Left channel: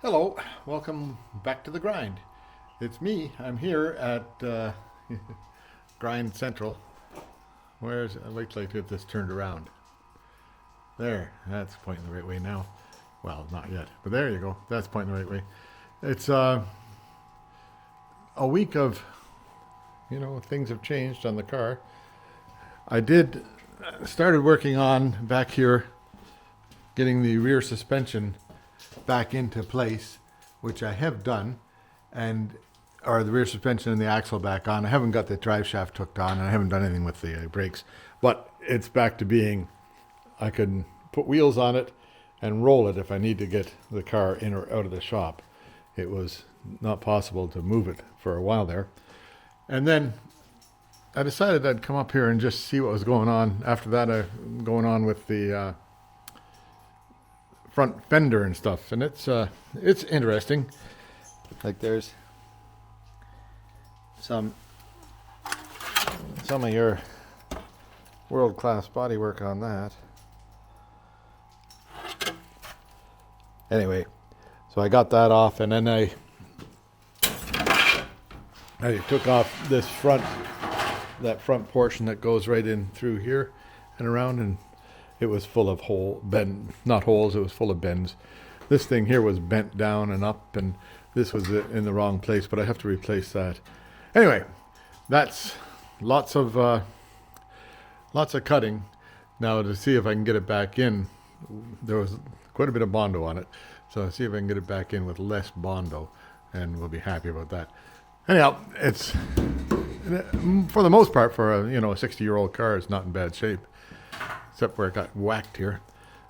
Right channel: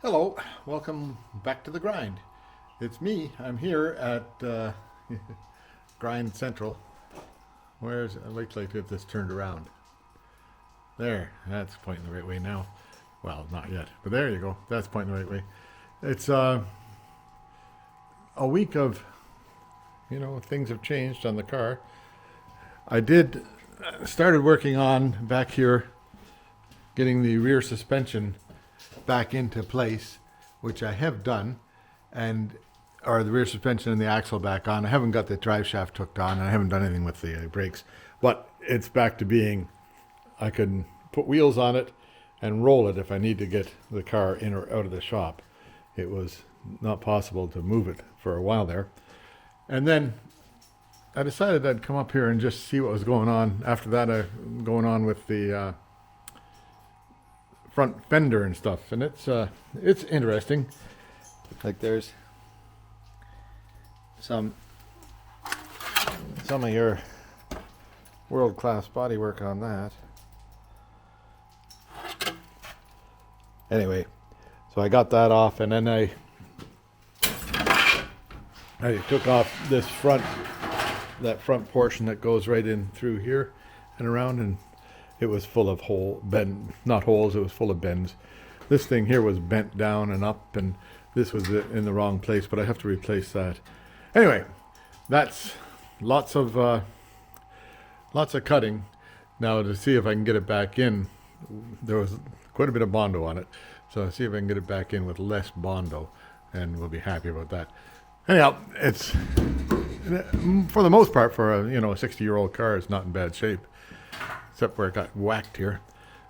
Hello, welcome back to the grind. It's me. I'm here at Grind Central. Where's I'd like to get this turned around. There, that's pointing the right way now. Well, not yet, but there you go. That's pointing the right way. It's a week of, things have changed on the car. I did started working on back here getting the rear suspension back into place, which I have done, and or the rear suspension and the axle back on. I haven't got the drive shaft hooked on, and I haven't done anything with the brakes, but it's back to being I can put wheels on it and roll it if I need to get the car in or out of the shop. It was not possible to move it for a while there. And then I decided I'd come up here and just see what was going on. After that, going on with the front fender and stuff, and it's interesting. Like there's some of your world-class bodywork on that. Anyway, so I got that off, and then I took off that front portion that goes right in through here and around, and it was full of not holes, it was full of bends. This thing here was bent down and up, and this was in the wrong place, but I have to replace that. Anyway, that's lots of cutting. Now to see if I can get it back in, there was quite a bit of bondo on it, so I'll see if I can get it back in with less bondo, and we'll be happy about that. Anyhow, it's, for the most part, for a 60-year-old car, it's not in bad shape, except where it got whacked here.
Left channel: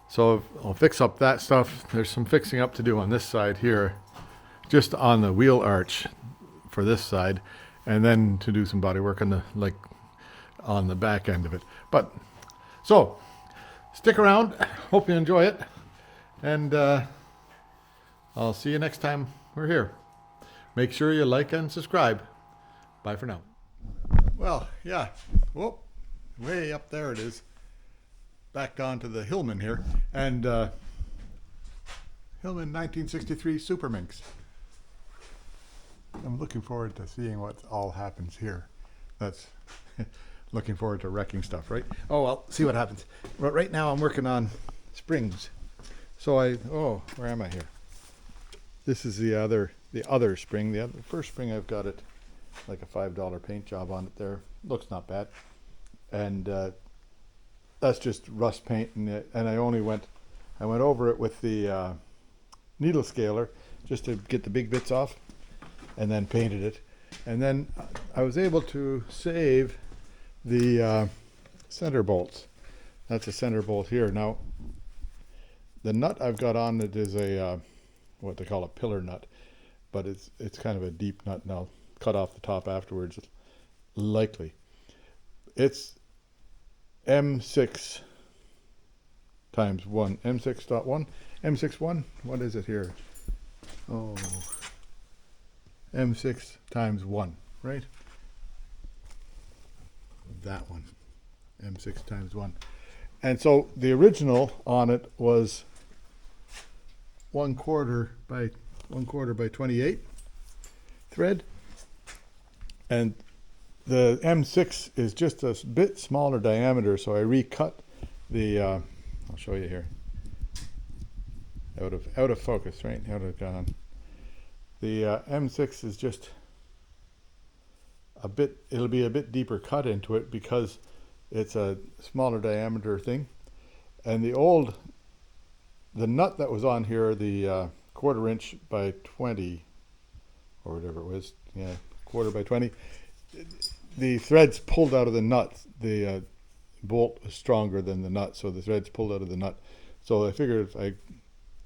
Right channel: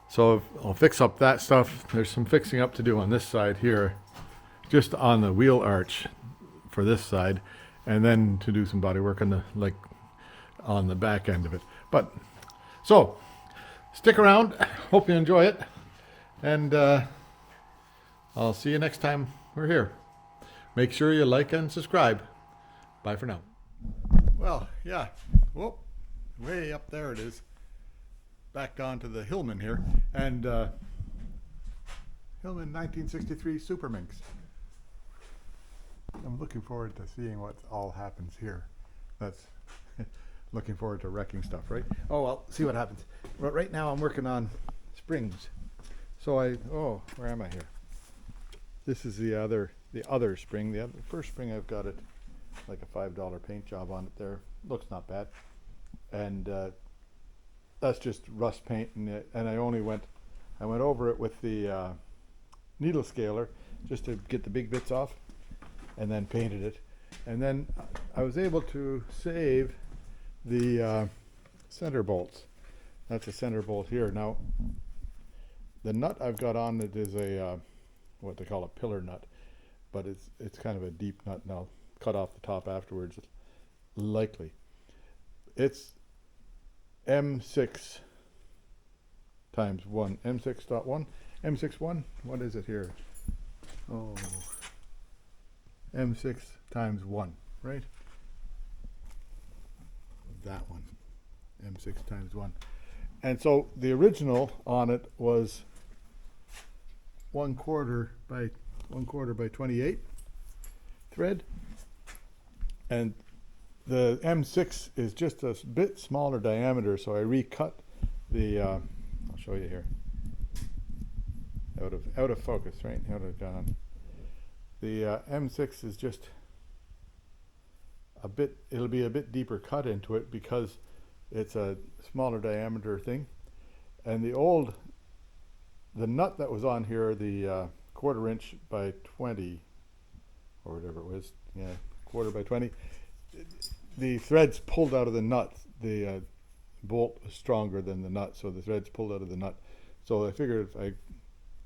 So I'll fix up that stuff. There's some fixing up to do on this side here, just on the wheel arch for this side, and then to do some body work on the back end of it. But so stick around. Hope you enjoy it, and I'll see you next time we're here. Make sure you like and subscribe. Bye for now. Well, yeah. Whoop. Way up there it is. Back onto the Hillman here, and Hillman 1963 Super Minx. I'm looking forward to seeing what all happens here. That's looking forward to wrecking stuff, right? Oh well, see what happens. But right now I'm working on springs. So where am I here? This is the other spring. The first spring I've got it like a $5 paint job on it there. Looks not bad, and that's just rust paint, and I went over it with the needle scaler just to get the big bits off, and then painted it. And then I was able to save the center bolts. That's a center bolt here. Now, the nut I've got on it is a what they call a pillar nut, but it's kind of a deep nut, and I'll cut off the top afterwards, likely. It's M6 times 1, M6.1, M61, what is it here? Oh, M6 times 1, right? That one, M6 times 1. And so the original on it was 1/4 by 28 thread, and the M6 is just a bit smaller diameter, so I recut the I'll show you here, out of focus, right, out of gone. The M6 is just it'll be a bit deeper cut into it because it's a smaller diameter thing. And the nut that was on here, the 1/4 inch by 20, or whatever it was, yeah, 1/4 by 20, the threads pulled out of the nut. The bolt was stronger than the nut, so the threads pulled out of the nut. So I figured if I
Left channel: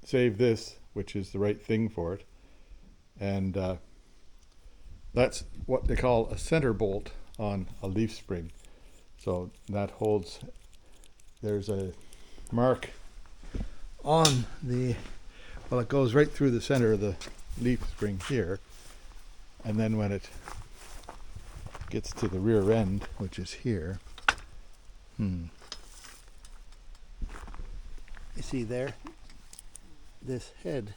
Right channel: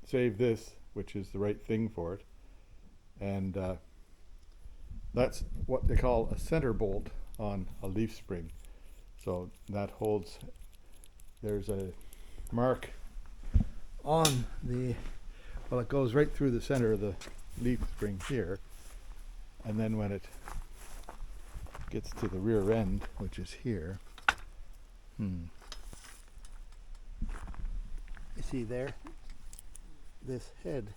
save this, which is the right thing for it, and that's what they call a center bolt on a leaf spring. So that holds, there's a mark on it goes right through the center of the leaf spring here, and then when it gets to the rear end, which is here, you see there, this head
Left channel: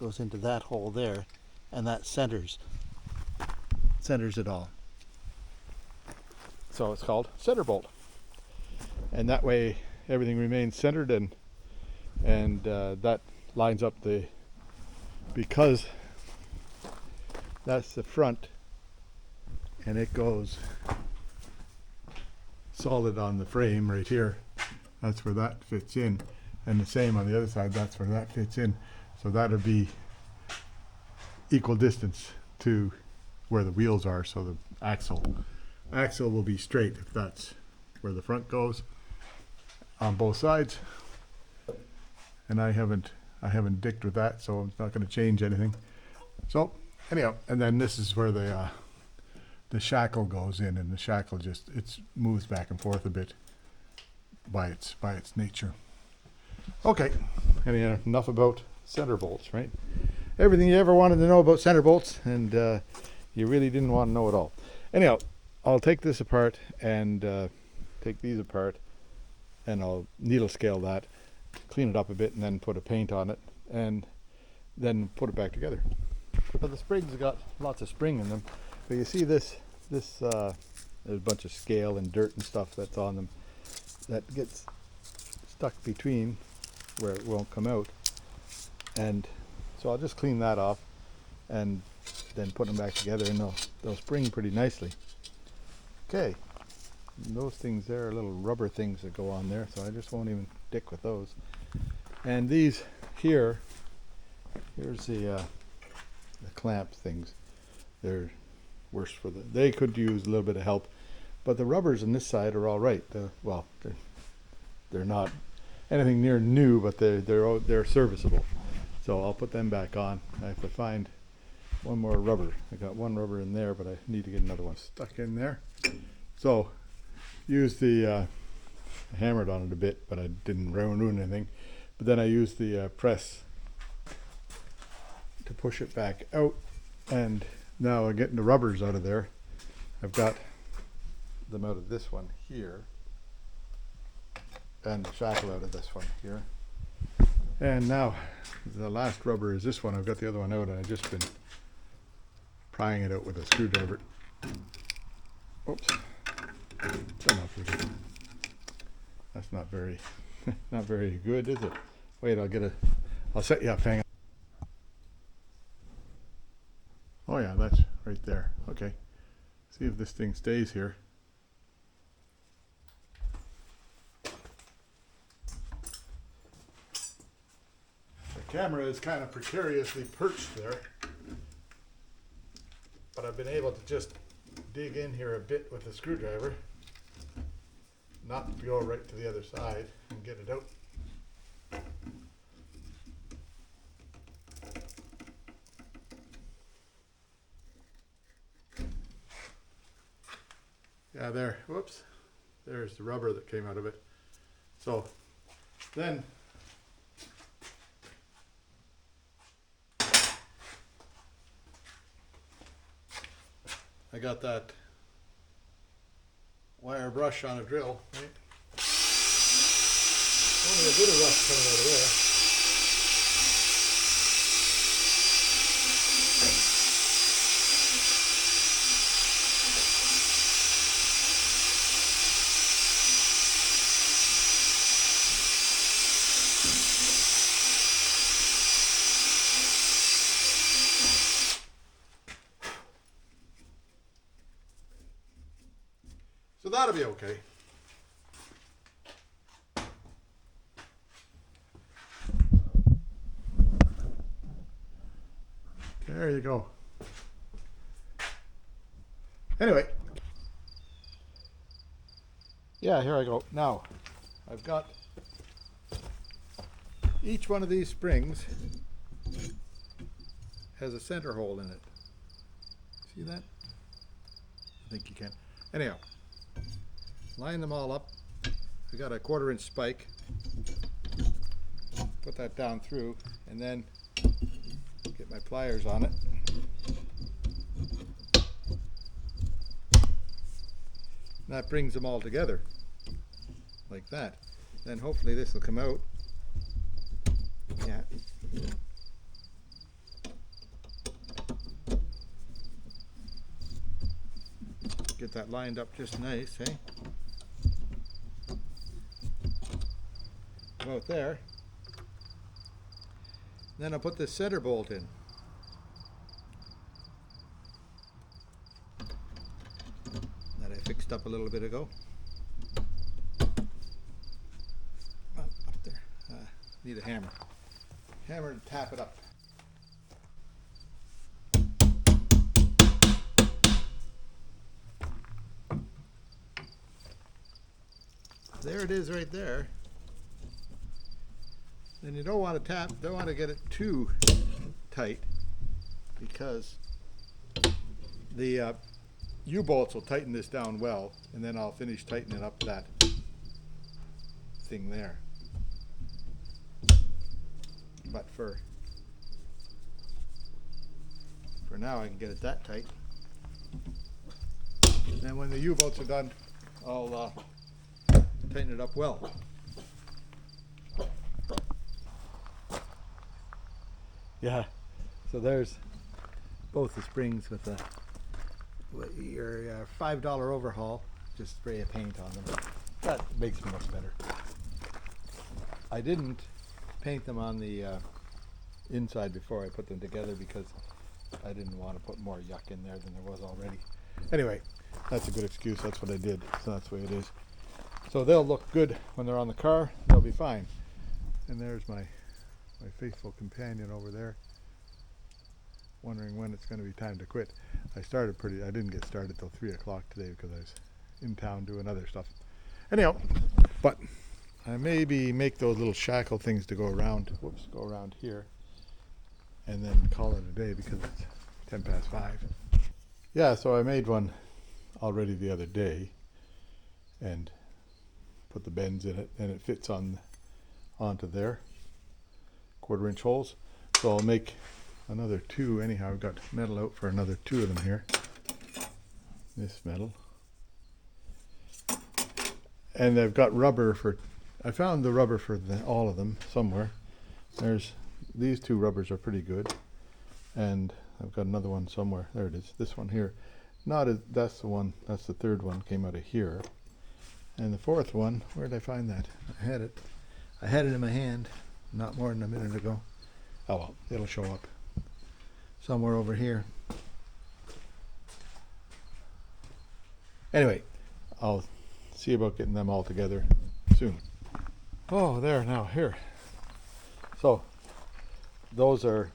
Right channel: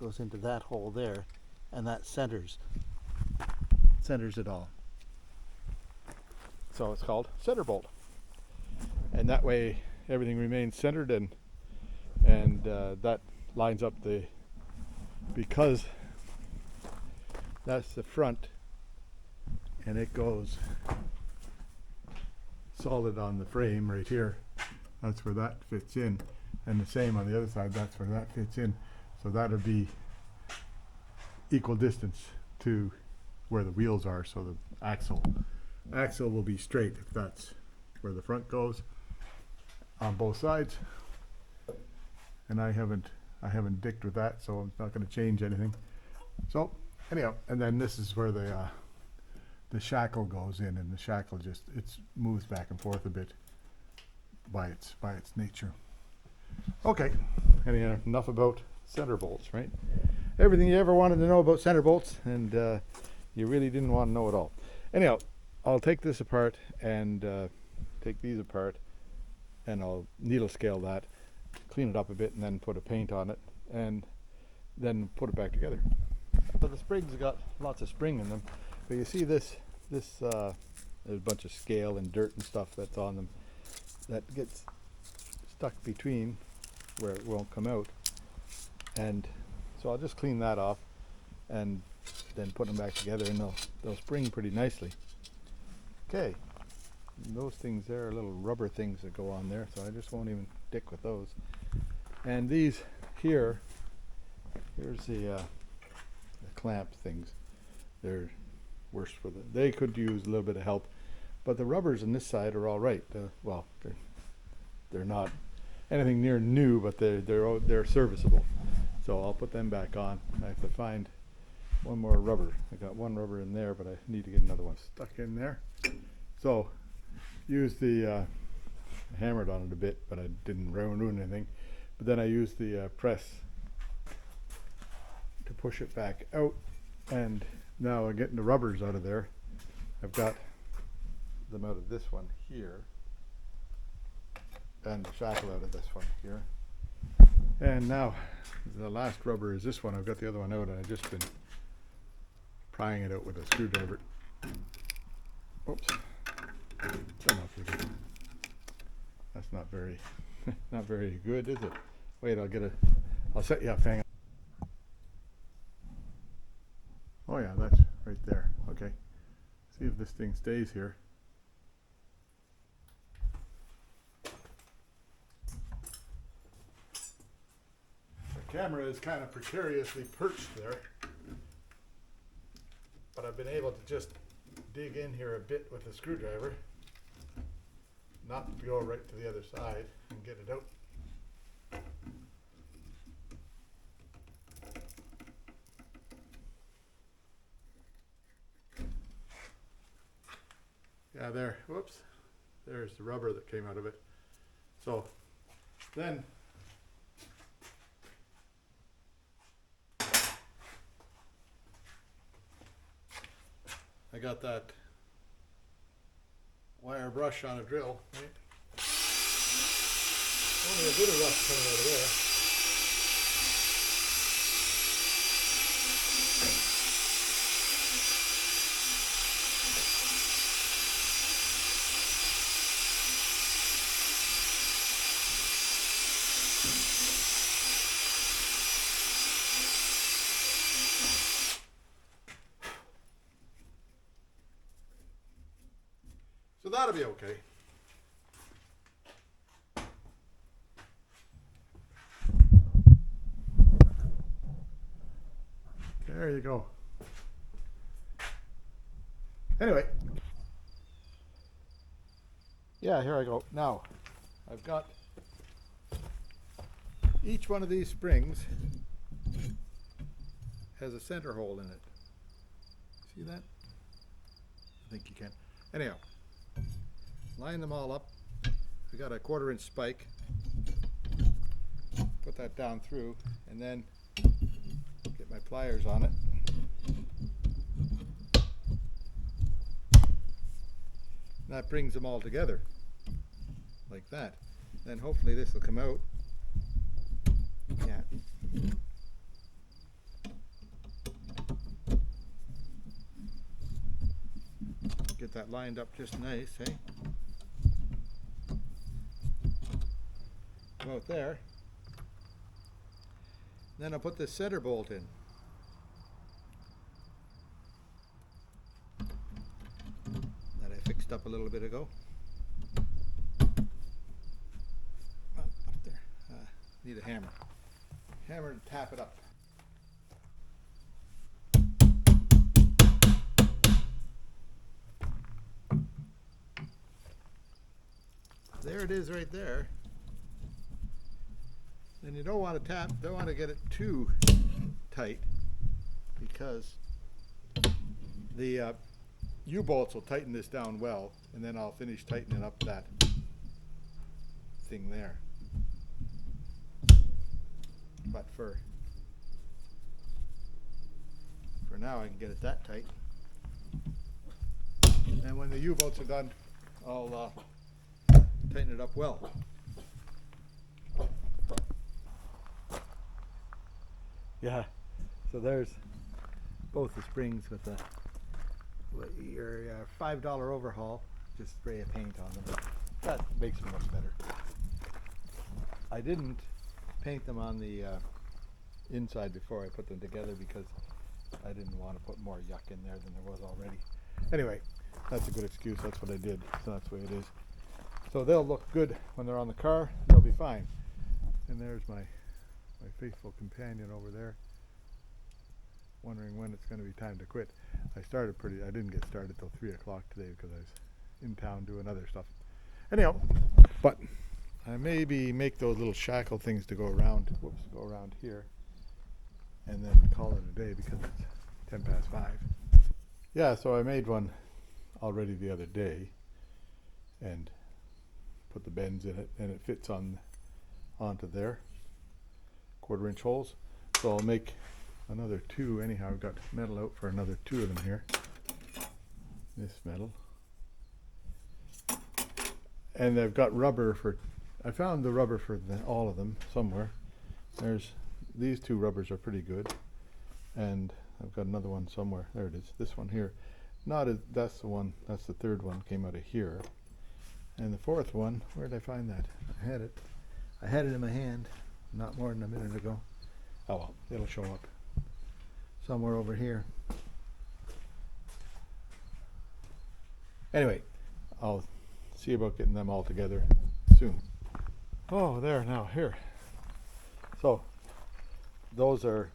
goes into that hole there, and that centers it all. So it's called center bolt, and that way everything remains centered, and that lines up because that's the front, and it goes solid on the frame right here. That's where that fits in, and the same on the other side, that's where that fits in. So that'll be equal distance to where the wheels are, so the axle will be straight if that's where the front goes on both sides. And I haven't dicked with that, so I'm not going to change anything. So anyhow, and then this is where the shackle goes in, and the shackle just moves back and forth a bit by its nature. Okay, anyhow, enough about center bolts, right? Everything you ever wanted to know about center bolts, and you really didn't want to know it all. Anyhow, I'll take this apart and take these apart, and I'll needle scale that, clean it up a bit, and then put a paint on it, and then put it back together. So the springs have got lots of spring in them, but you see this there's a bunch of scale and dirt and stuff that's on them that gets stuck between where it won't come out, and so I'll just clean that off and then put them back together, and they'll spring pretty nicely. Okay, and those things there are little rubber things that go on there, so I just won't even dick with those. And these here's the clamp things. They're worse for they could use a little bit of help, but the rubbers on this side are all right. Well, they're not anything near new, but they're serviceable. So I'll put them back on. I have to find one more rubber. I got one rubber in there, but I need to get another one stuck in there. So use I hammered on it a bit, but I didn't ruin anything. But then I used the press to push it back out, and now I'm getting the rubbers out of there. I've got them out of this one here, and the shackle out of this one here. And now the last rubber is this one. I've got the other one out, and I've just been prying it out with a screwdriver. Oops. Don't know if it is. That's not very not very good, is it? Wait, I'll set you up, hang on. Oh yeah, that's right there. Okay. See if this thing stays here. The camera is kind of precariously perched there, but I've been able to just dig in here a bit with a screwdriver, not to go right to the other side, and get it out. Yeah, there, whoops, there's the rubber that came out of it. So then I got that wire brush on a drill, right? Only a bit of rust coming out of there. So that'll be okay. There you go. Anyway. Yeah, here I go. Now, I've got each one of these springs has a center hole in it. See that? I think you can. Anyhow, line them all up. I got a 1/4-inch spike. Put that down through, and then get my pliers on it. And that brings them all together, like that. Then hopefully this will come out. Yeah. Get that lined up just nice, eh? About there. Then I'll put this center bolt in. That I fixed up a little bit ago. Oh, up there. Need a hammer. Hammer to tap it up. There it is right there. And you don't want to get it too tight, because the U-bolts will tighten this down well, and then I'll finish tightening up that thing there. But for now I can get it that tight. And when the U-bolts are done, I'll tighten it up well. Yeah, so there's both the springs with your $5 overhaul. Just spray a paint on them. That makes them much better. I didn't paint them on the inside before I put them together because I didn't want to put more yuck in there than there was already. Anyway, that's a good excuse. That's what I did. So that's the way it is. So they'll look good when they're on the car. They'll be fine. And there's my faithful companion over there, wondering when it's going to be time to quit. I didn't get started till 3 o'clock today because I was in town doing other stuff. Anyhow, but I maybe make those little shackle things to go around here, and then call it a day because it's 10 past 5. Yeah, so I made one already the other day and put the bends in it, and it fits onto there. 1/4-inch holes. So I'll make another 2 anyhow. I've got metal out for another 2 of them here. This metal. And I've got rubber I found the rubber for all of them somewhere. These 2 rubbers are pretty good. And I've got another one somewhere. There it is. This one here. That's the one. That's the 3rd one. Came out of here. And the 4th one, where did I find that? I had it in my hand not more than a minute ago. Oh well, it'll show up somewhere over here. Anyway, I'll see about getting them all together soon. Oh, there now, here. So, those are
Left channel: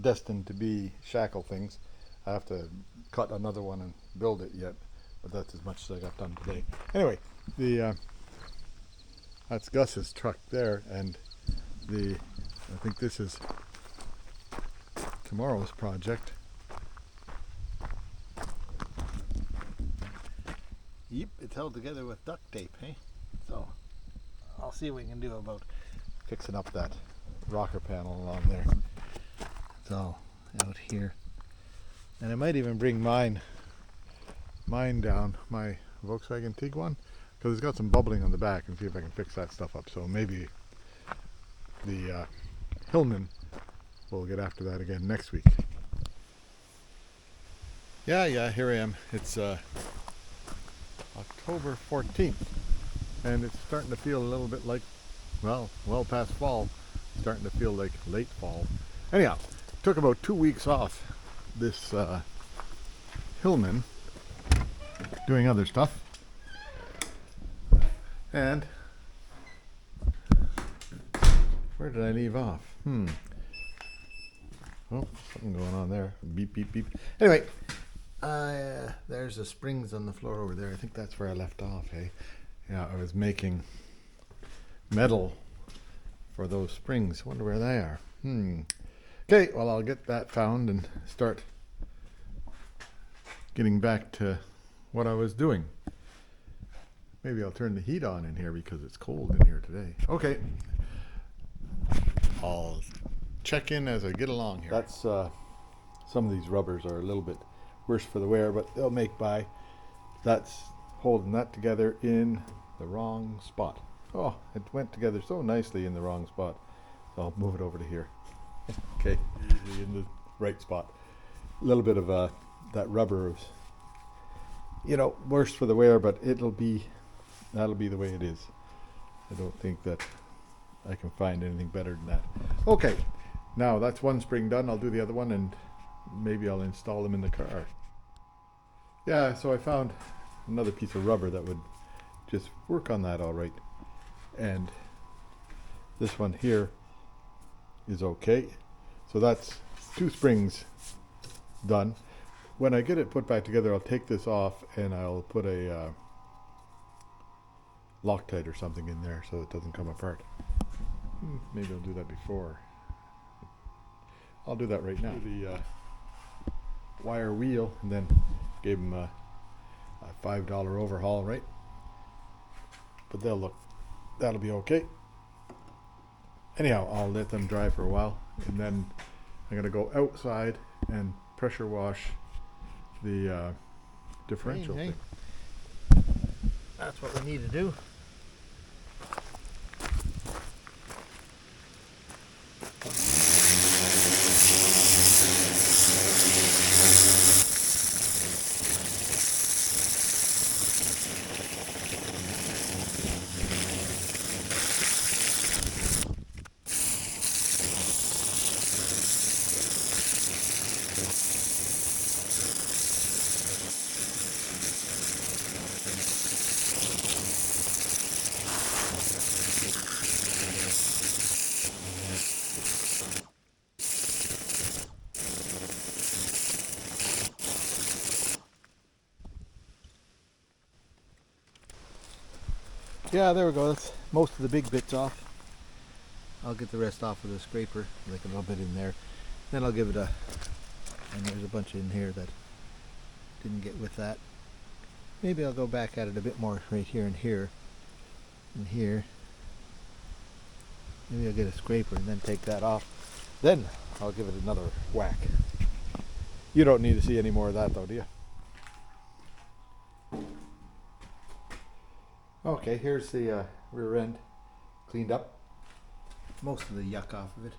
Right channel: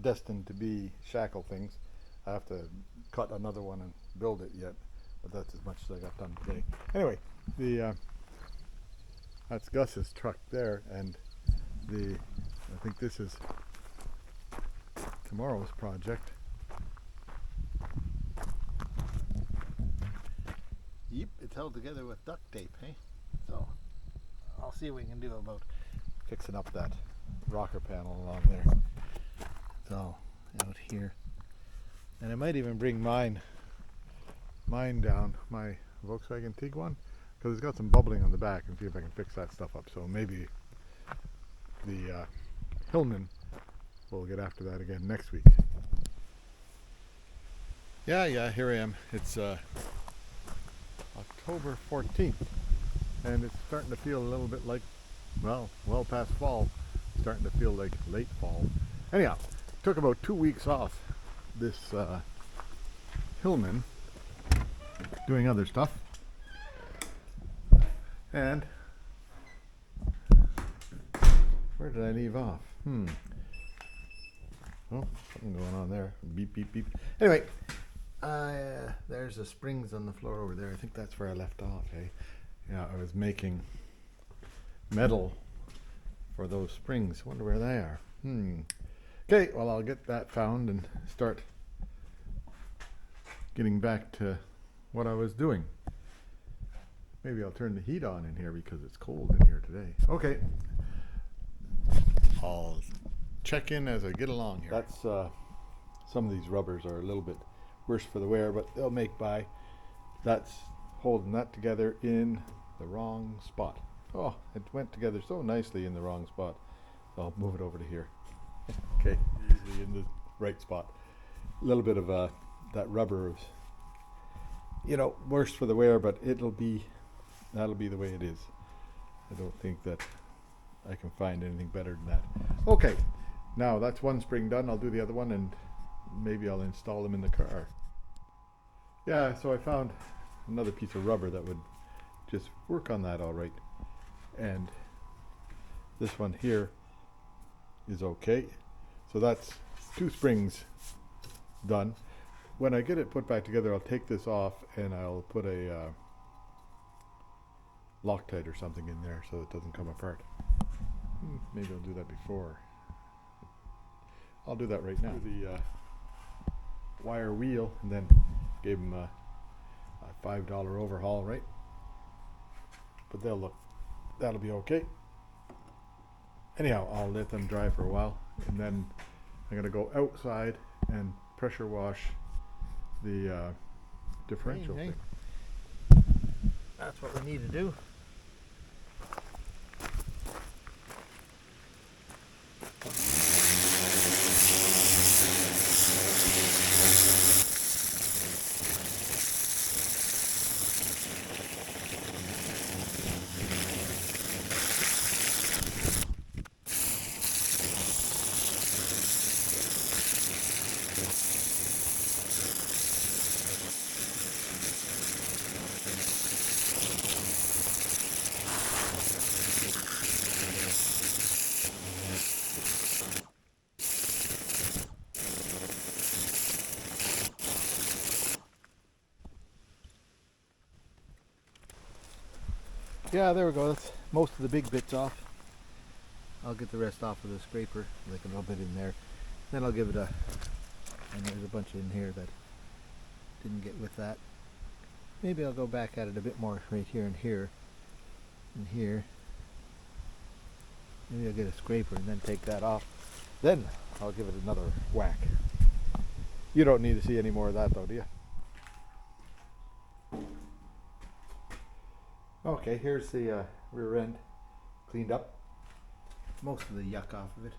destined to be shackle things. I have to cut another one and build it yet, but that's as much as I got done today. Anyway, that's Gus's truck there, and I think this is tomorrow's project. Yep, it's held together with duct tape, hey? So I'll see what we can do about fixing up that rocker panel along there. So out here, and I might even bring mine down, my Volkswagen Tiguan, because it's got some bubbling on the back, and see if I can fix that stuff up. So maybe the Hillman will get after that again next week. Yeah, here I am. It's October 14th, and it's starting to feel a little bit like, well past fall, starting to feel like late fall. Anyhow, took about 2 weeks off this Hillman, doing other stuff, and where did I leave off? Oh, something going on there. Beep, beep, beep. Anyway, there's the springs on the floor over there. I think that's where I left off, eh? Yeah, I was making metal for those springs. Wonder where they are. Okay, well, I'll get that found and start getting back to what I was doing. Maybe I'll turn the heat on in here because it's cold in here today. Okay. I'll check in as I get along here. That's some of these rubbers are a little bit worse for the wear, but they'll make by. That's holding that together in the wrong spot. Oh, it went together so nicely in the wrong spot. So I'll move it over to here. Okay, usually in the right spot. A little bit of that rubber you know, worse for the wear, but that'll be the way it is. I don't think that I can find anything better than that. Okay, now that's one spring done. I'll do the other one and maybe I'll install them in the car. Yeah, so I found another piece of rubber that would just work on that all right. And this one here is okay. So that's 2 springs done. When I get it put back together, I'll take this off and I'll put a Loctite or something in there so it doesn't come apart. Maybe I'll do that before. I'll do that right now. Do the wire wheel and then gave them a $5 overhaul, right? But that'll be okay. Anyhow, I'll let them dry for a while and then I'm gonna go outside and pressure wash the differential thing. That's what we need to do. Yeah, there we go. That's most of the big bits off. I'll get the rest off with a scraper, like a little bit in there. Then I'll give it a, and there's a bunch in here that didn't get with that. Maybe I'll go back at it a bit more right here and here and here. Maybe I'll get a scraper and then take that off. Then I'll give it another whack. You don't need to see any more of that though, do you? Okay, here's the rear end cleaned up. Most of the yuck off of it.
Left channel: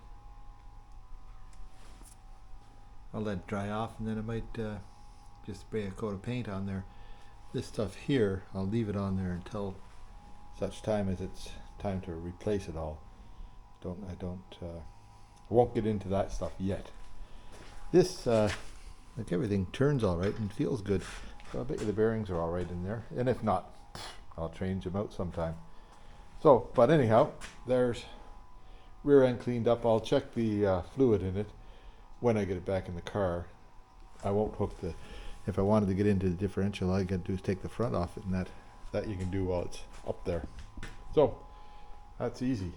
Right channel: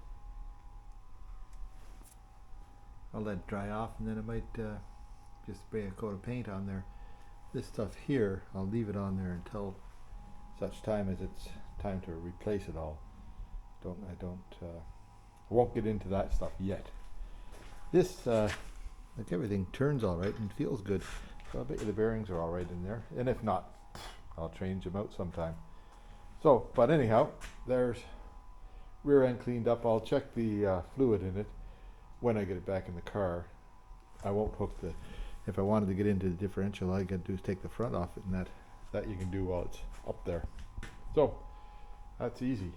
I'll let it dry off and then I might just spray a coat of paint on there. This stuff here, I'll leave it on there until such time as it's time to replace it all. I won't get into that stuff yet. This, like everything turns all right and feels good. So I bet you the bearings are all right in there. And if not, I'll change them out sometime. So, but anyhow, there's rear end cleaned up. I'll check the fluid in it when I get it back in the car. I won't hook the, if I wanted to get into the differential, all I got to do is take the front off it, and that you can do while it's up there. So, that's easy.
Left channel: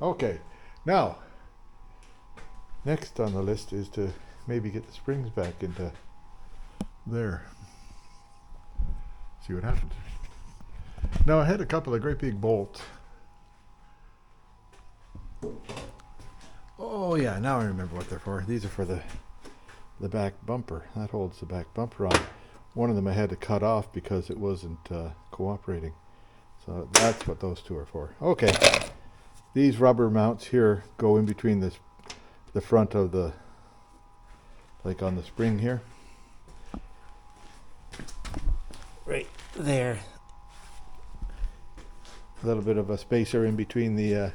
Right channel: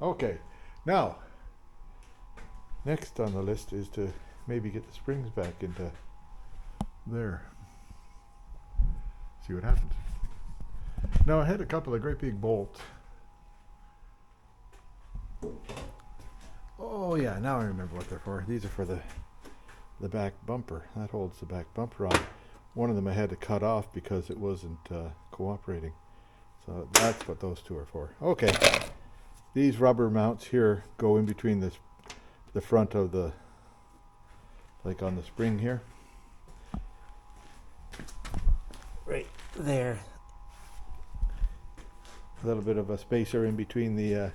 Okay, now, next on the list is to maybe get the springs back into there. See what happens. Now I had a couple of great big bolts. Oh yeah, now I remember what they're for. These are for the back bumper. That holds the back bumper on. One of them I had to cut off because it wasn't cooperating. So that's what those two are for. Okay, these rubber mounts here go in between the front of the, like on the spring here. Right there. A little bit of a spacer in between the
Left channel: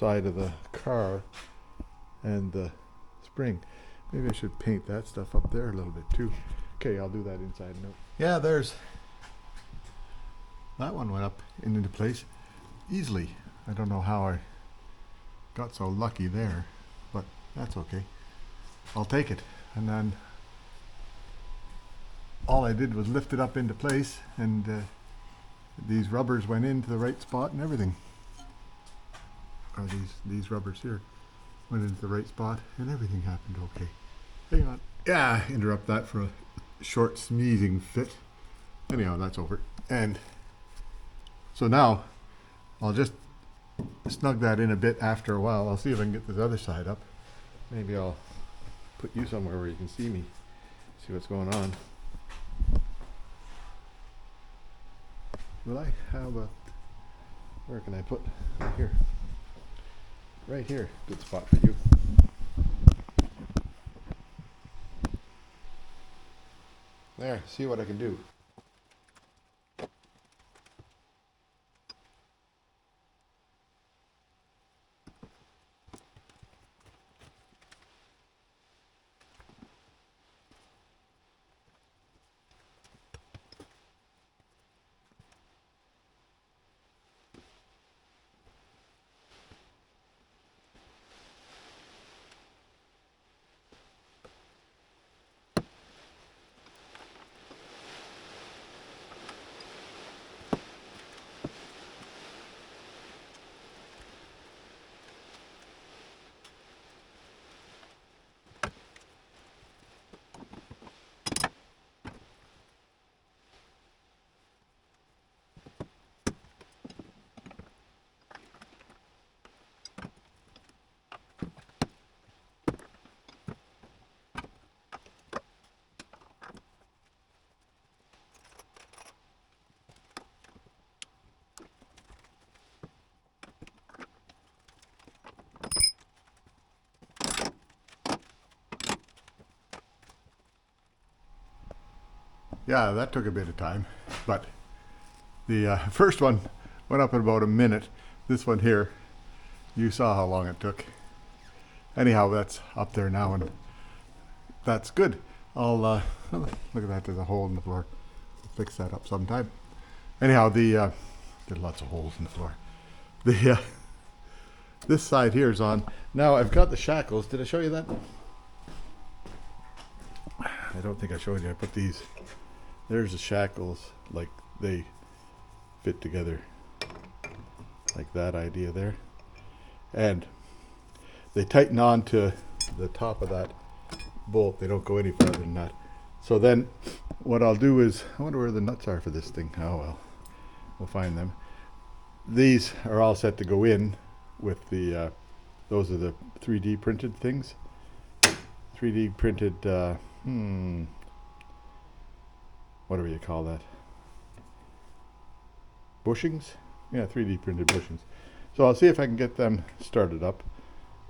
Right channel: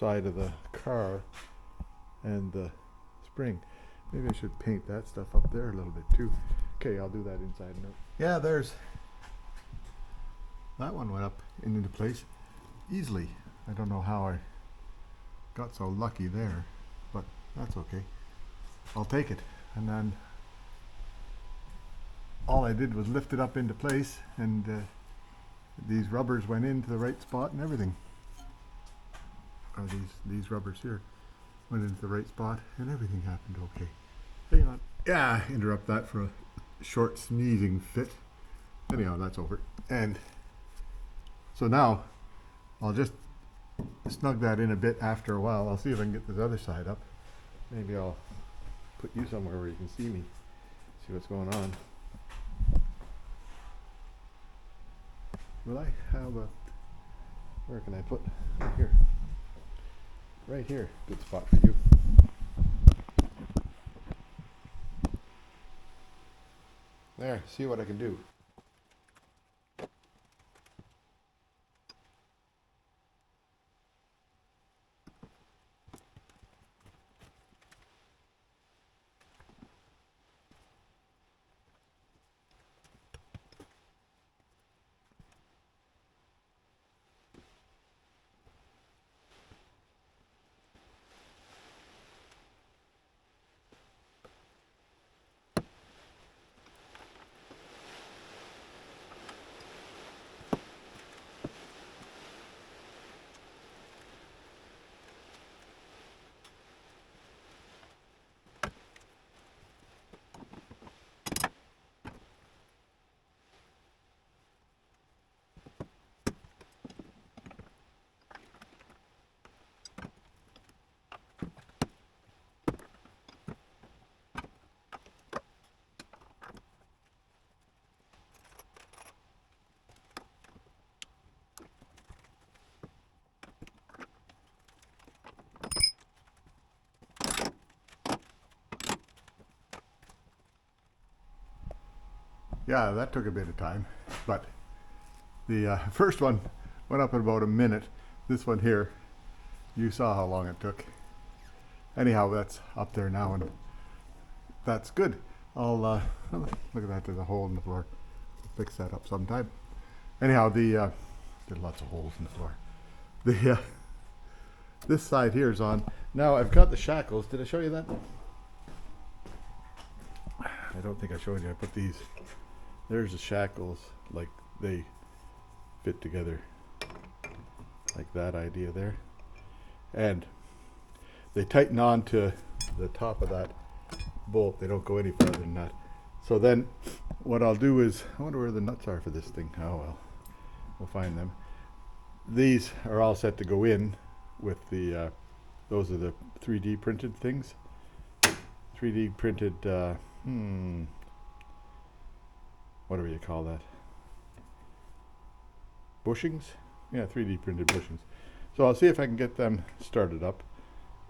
side of the car and the spring. Maybe I should paint that stuff up there a little bit too. Okay, I'll do that inside and out. Yeah, there's that one went up and into place easily. I don't know how I got so lucky there, but that's okay. I'll take it. And then all I did was lift it up into place and these rubbers went into the right spot and everything. Or these rubbers here went into the right spot and everything happened okay. Hang on. Yeah, interrupt that for a short sneezing fit. Anyhow, that's over. And so now I'll just snug that in a bit after a while. I'll see if I can get this other side up. Maybe I'll put you somewhere where you can see me, see what's going on. Will I have a, where can I put, right here. Right here, good spot for you. There, see what I can do. Yeah, that took a bit of time, but the first one went up in about a minute. This one here, you saw how long it took. Anyhow, that's up there now, and that's good. I'll look at that. There's a hole in the floor. I'll fix that up sometime. Anyhow, there's lots of holes in the floor. The this side here is on. Now I've got the shackles. Did I show you that? I don't think I showed you. I put these. There's the shackles, like they fit together, like that idea there, and they tighten on to the top of that bolt. They don't go any further than that. So then what I'll do is, I wonder where the nuts are for this thing. Oh well, we'll find them. These are all set to go in with the those are the 3D printed things. 3D printed whatever you call that, bushings. Yeah, 3D printed bushings. So I'll see if I can get them started up,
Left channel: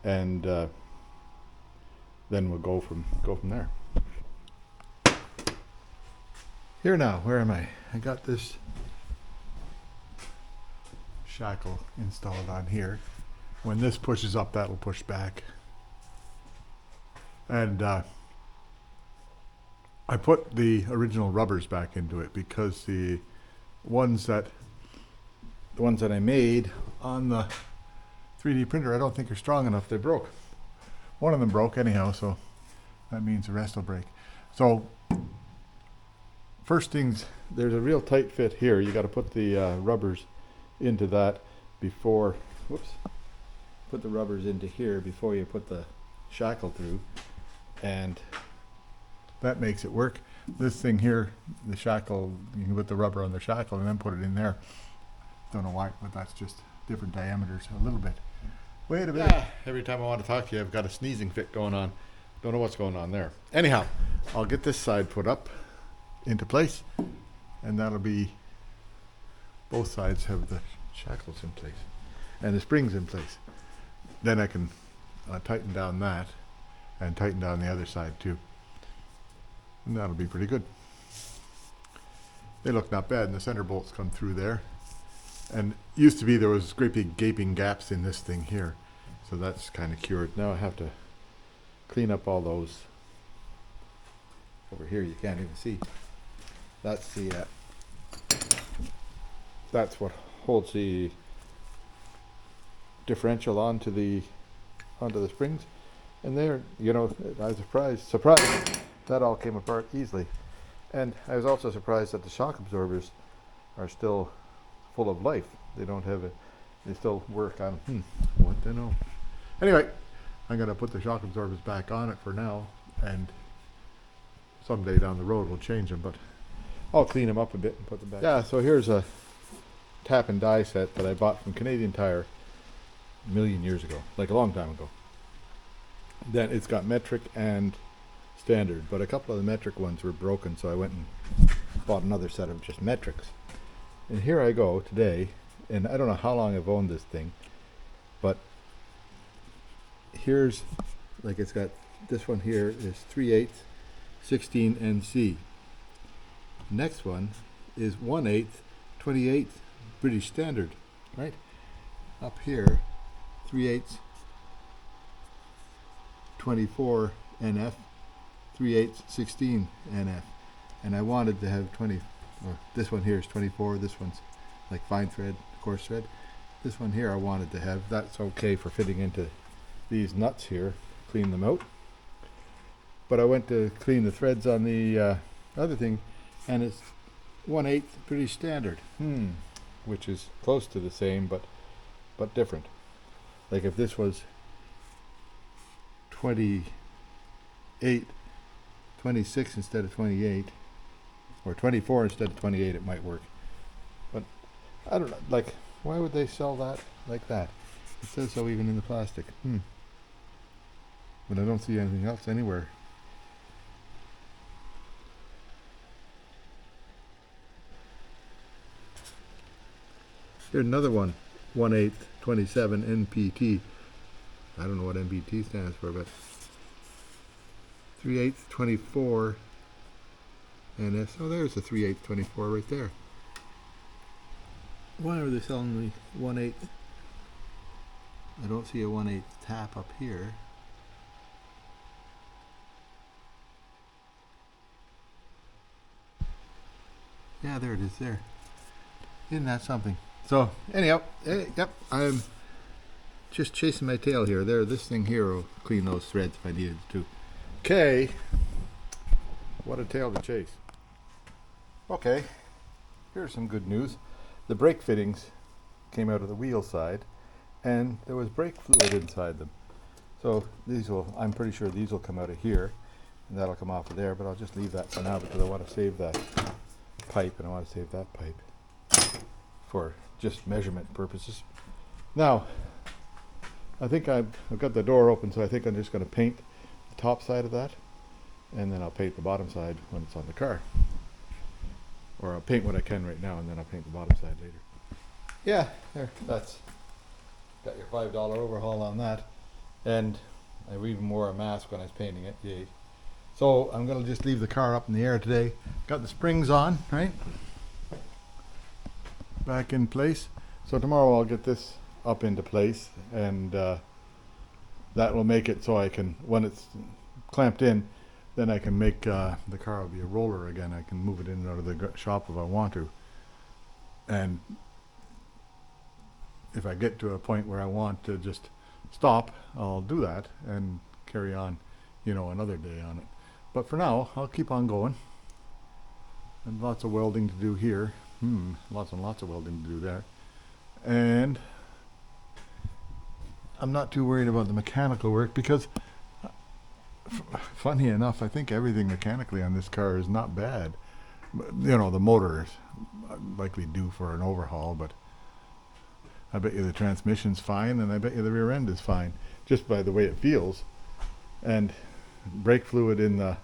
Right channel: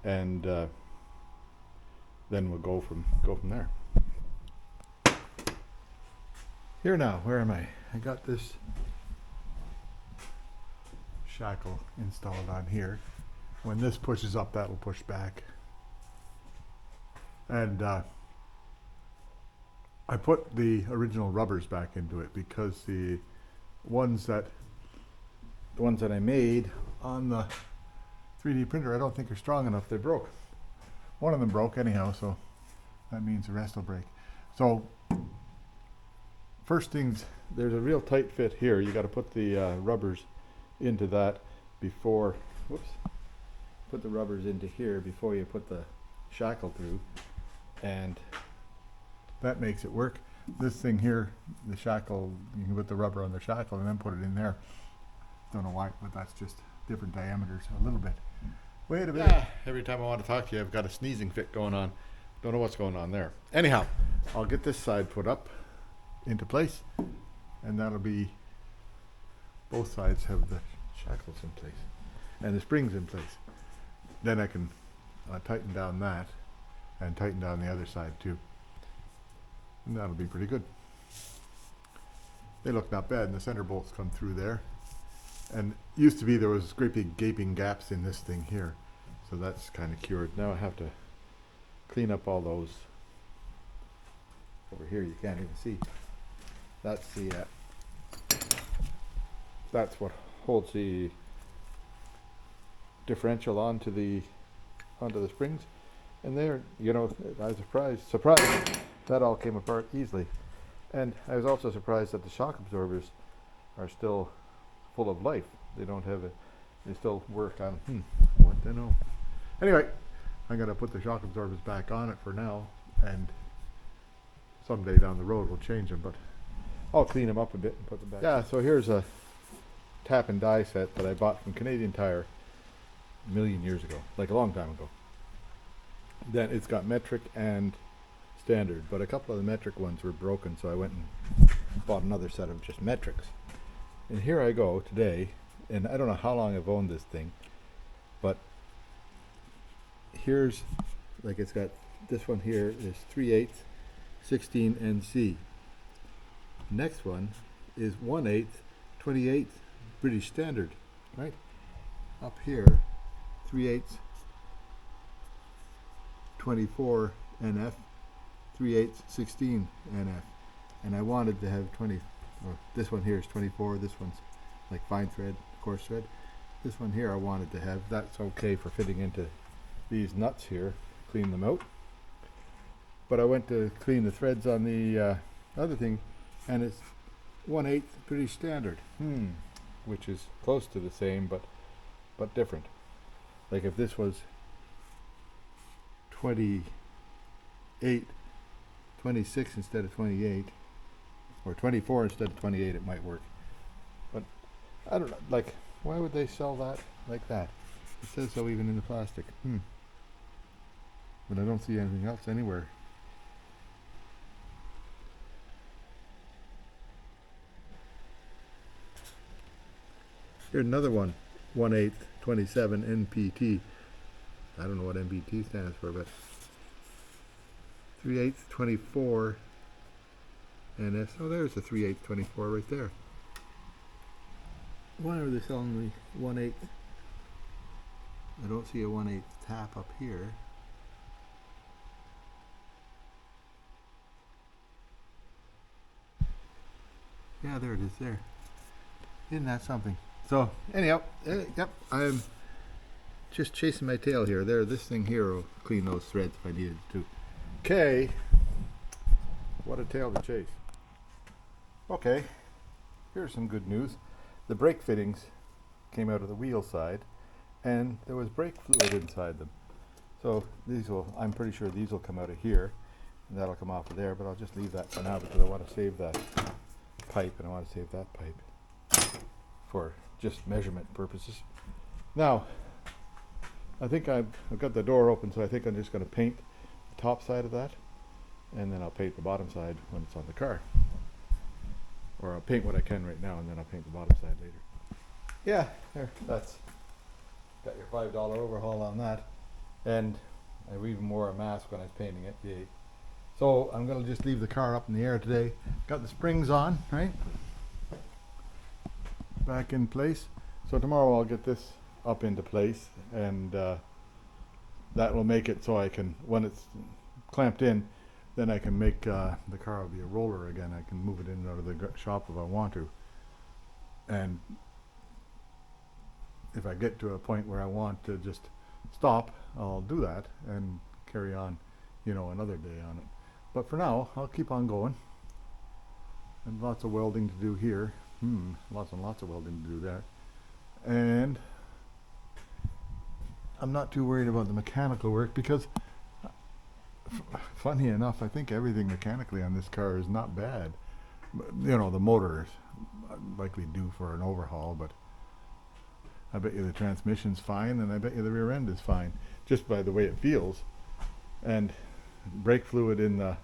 and then we'll go from there. Here now, where am I? I got this shackle installed on here. When this pushes up, that will push back. And I put the original rubbers back into it because the ones that I made on the 3D printer, I don't think are strong enough. They broke. One of them broke anyhow, so that means the rest will break. So first things, there's a real tight fit here. You got to put the rubbers into that before, put the rubbers into here before you put the shackle through, and that makes it work. This thing here, the shackle, you can put the rubber on the shackle and then put it in there. Don't know why, but that's just different diameters a little bit. Wait a minute. Yeah, every time I want to talk to you, I've got a sneezing fit going on. Don't know what's going on there. Anyhow, I'll get this side put up into place, and that'll be, both sides have the shackles in place and the springs in place. Then I can tighten down that and tighten down the other side too. And that'll be pretty good. They look not bad, and the center bolts come through there. And used to be there was great big gaping gaps in this thing here, so that's kind of cured. Now I have to clean up all those. Over here you can't even see. That's the that's what holds the differential onto the springs. And there, you know, I was surprised that all came apart easily. And I was also surprised that the shock absorbers are still full of life. They don't have it. They still work on. What to know? Anyway, I'm gonna put the shock absorbers back on it for now, and someday down the road we'll change them. But I'll clean them up a bit and put them back. Yeah. So here's a tap and die set that I bought from Canadian Tire a million years ago, like a long time ago. Then it's got metric and standard, but a couple of the metric ones were broken, so I went and bought another set of just metrics. And here I go today, and I don't know how long I've owned this thing, but here's, like, it's got, this one here is 3/8 16 NC. next one is 1/8, 28 British Standard, right? Up here, 3/8, 24 NF, 3/8, 16 NF. And I wanted to have 20, or this one here is 24, this one's like fine thread, coarse thread. This one here I wanted to have, that's okay for fitting into these nuts here, clean them out. But I went to clean the threads on the other thing, and it's 1/8 British Standard, which is close to the same, but different. Like if this was 28, 26 instead of 28, or 24 instead of 28, it might work. But I don't know, like, why would they sell that like that? It says so even in the plastic. But I don't see anything else anywhere. Here's another one, 1/8, 27 NPT. I don't know what NPT stands for, but 3/8, 24 NS. Oh, there's the 3/8, 24 right there. Why are they selling me 1/8? I don't see a 1/8 tap up here. Yeah, there it is there. Isn't that something? So, anyhow, yep, I'm just chasing my tail here. There, this thing here will clean those threads if I needed to. Okay. What a tail to chase. Okay, here's some good news. The brake fittings came out of the wheel side, and there was brake fluid inside them. So these will, I'm pretty sure these will come out of here, and that'll come off of there, but I'll just leave that for now because I want to save that pipe, and I want to save that pipe for just measurement purposes. Now, I think I've got the door open, so I think I'm just going to paint the top side of that, and then I'll paint the bottom side when it's on the car. Or I'll paint what I can right now, and then I'll paint the bottom side later. Yeah, there, that's got your $5 overhaul on that. And I even wore a mask when I was painting it. Yay. So I'm going to just leave the car up in the air today. Got the springs on, right? Back in place. So tomorrow I'll get this up into place, and that will make it so I can, when it's clamped in, then I can make the car will be a roller again. I can move it in and out of the shop if I want to. And if I get to a point where I want to just stop, I'll do that and carry on, you know, another day on it. But for now, I'll keep on going. And lots of welding to do here. Lots and lots of welding to do there. And I'm not too worried about the mechanical work because funny enough, I think everything mechanically on this car is not bad. You know, the motor is likely due for an overhaul, but I bet you the transmission's fine, and I bet you the rear end is fine, just by the way it feels. And brake fluid in the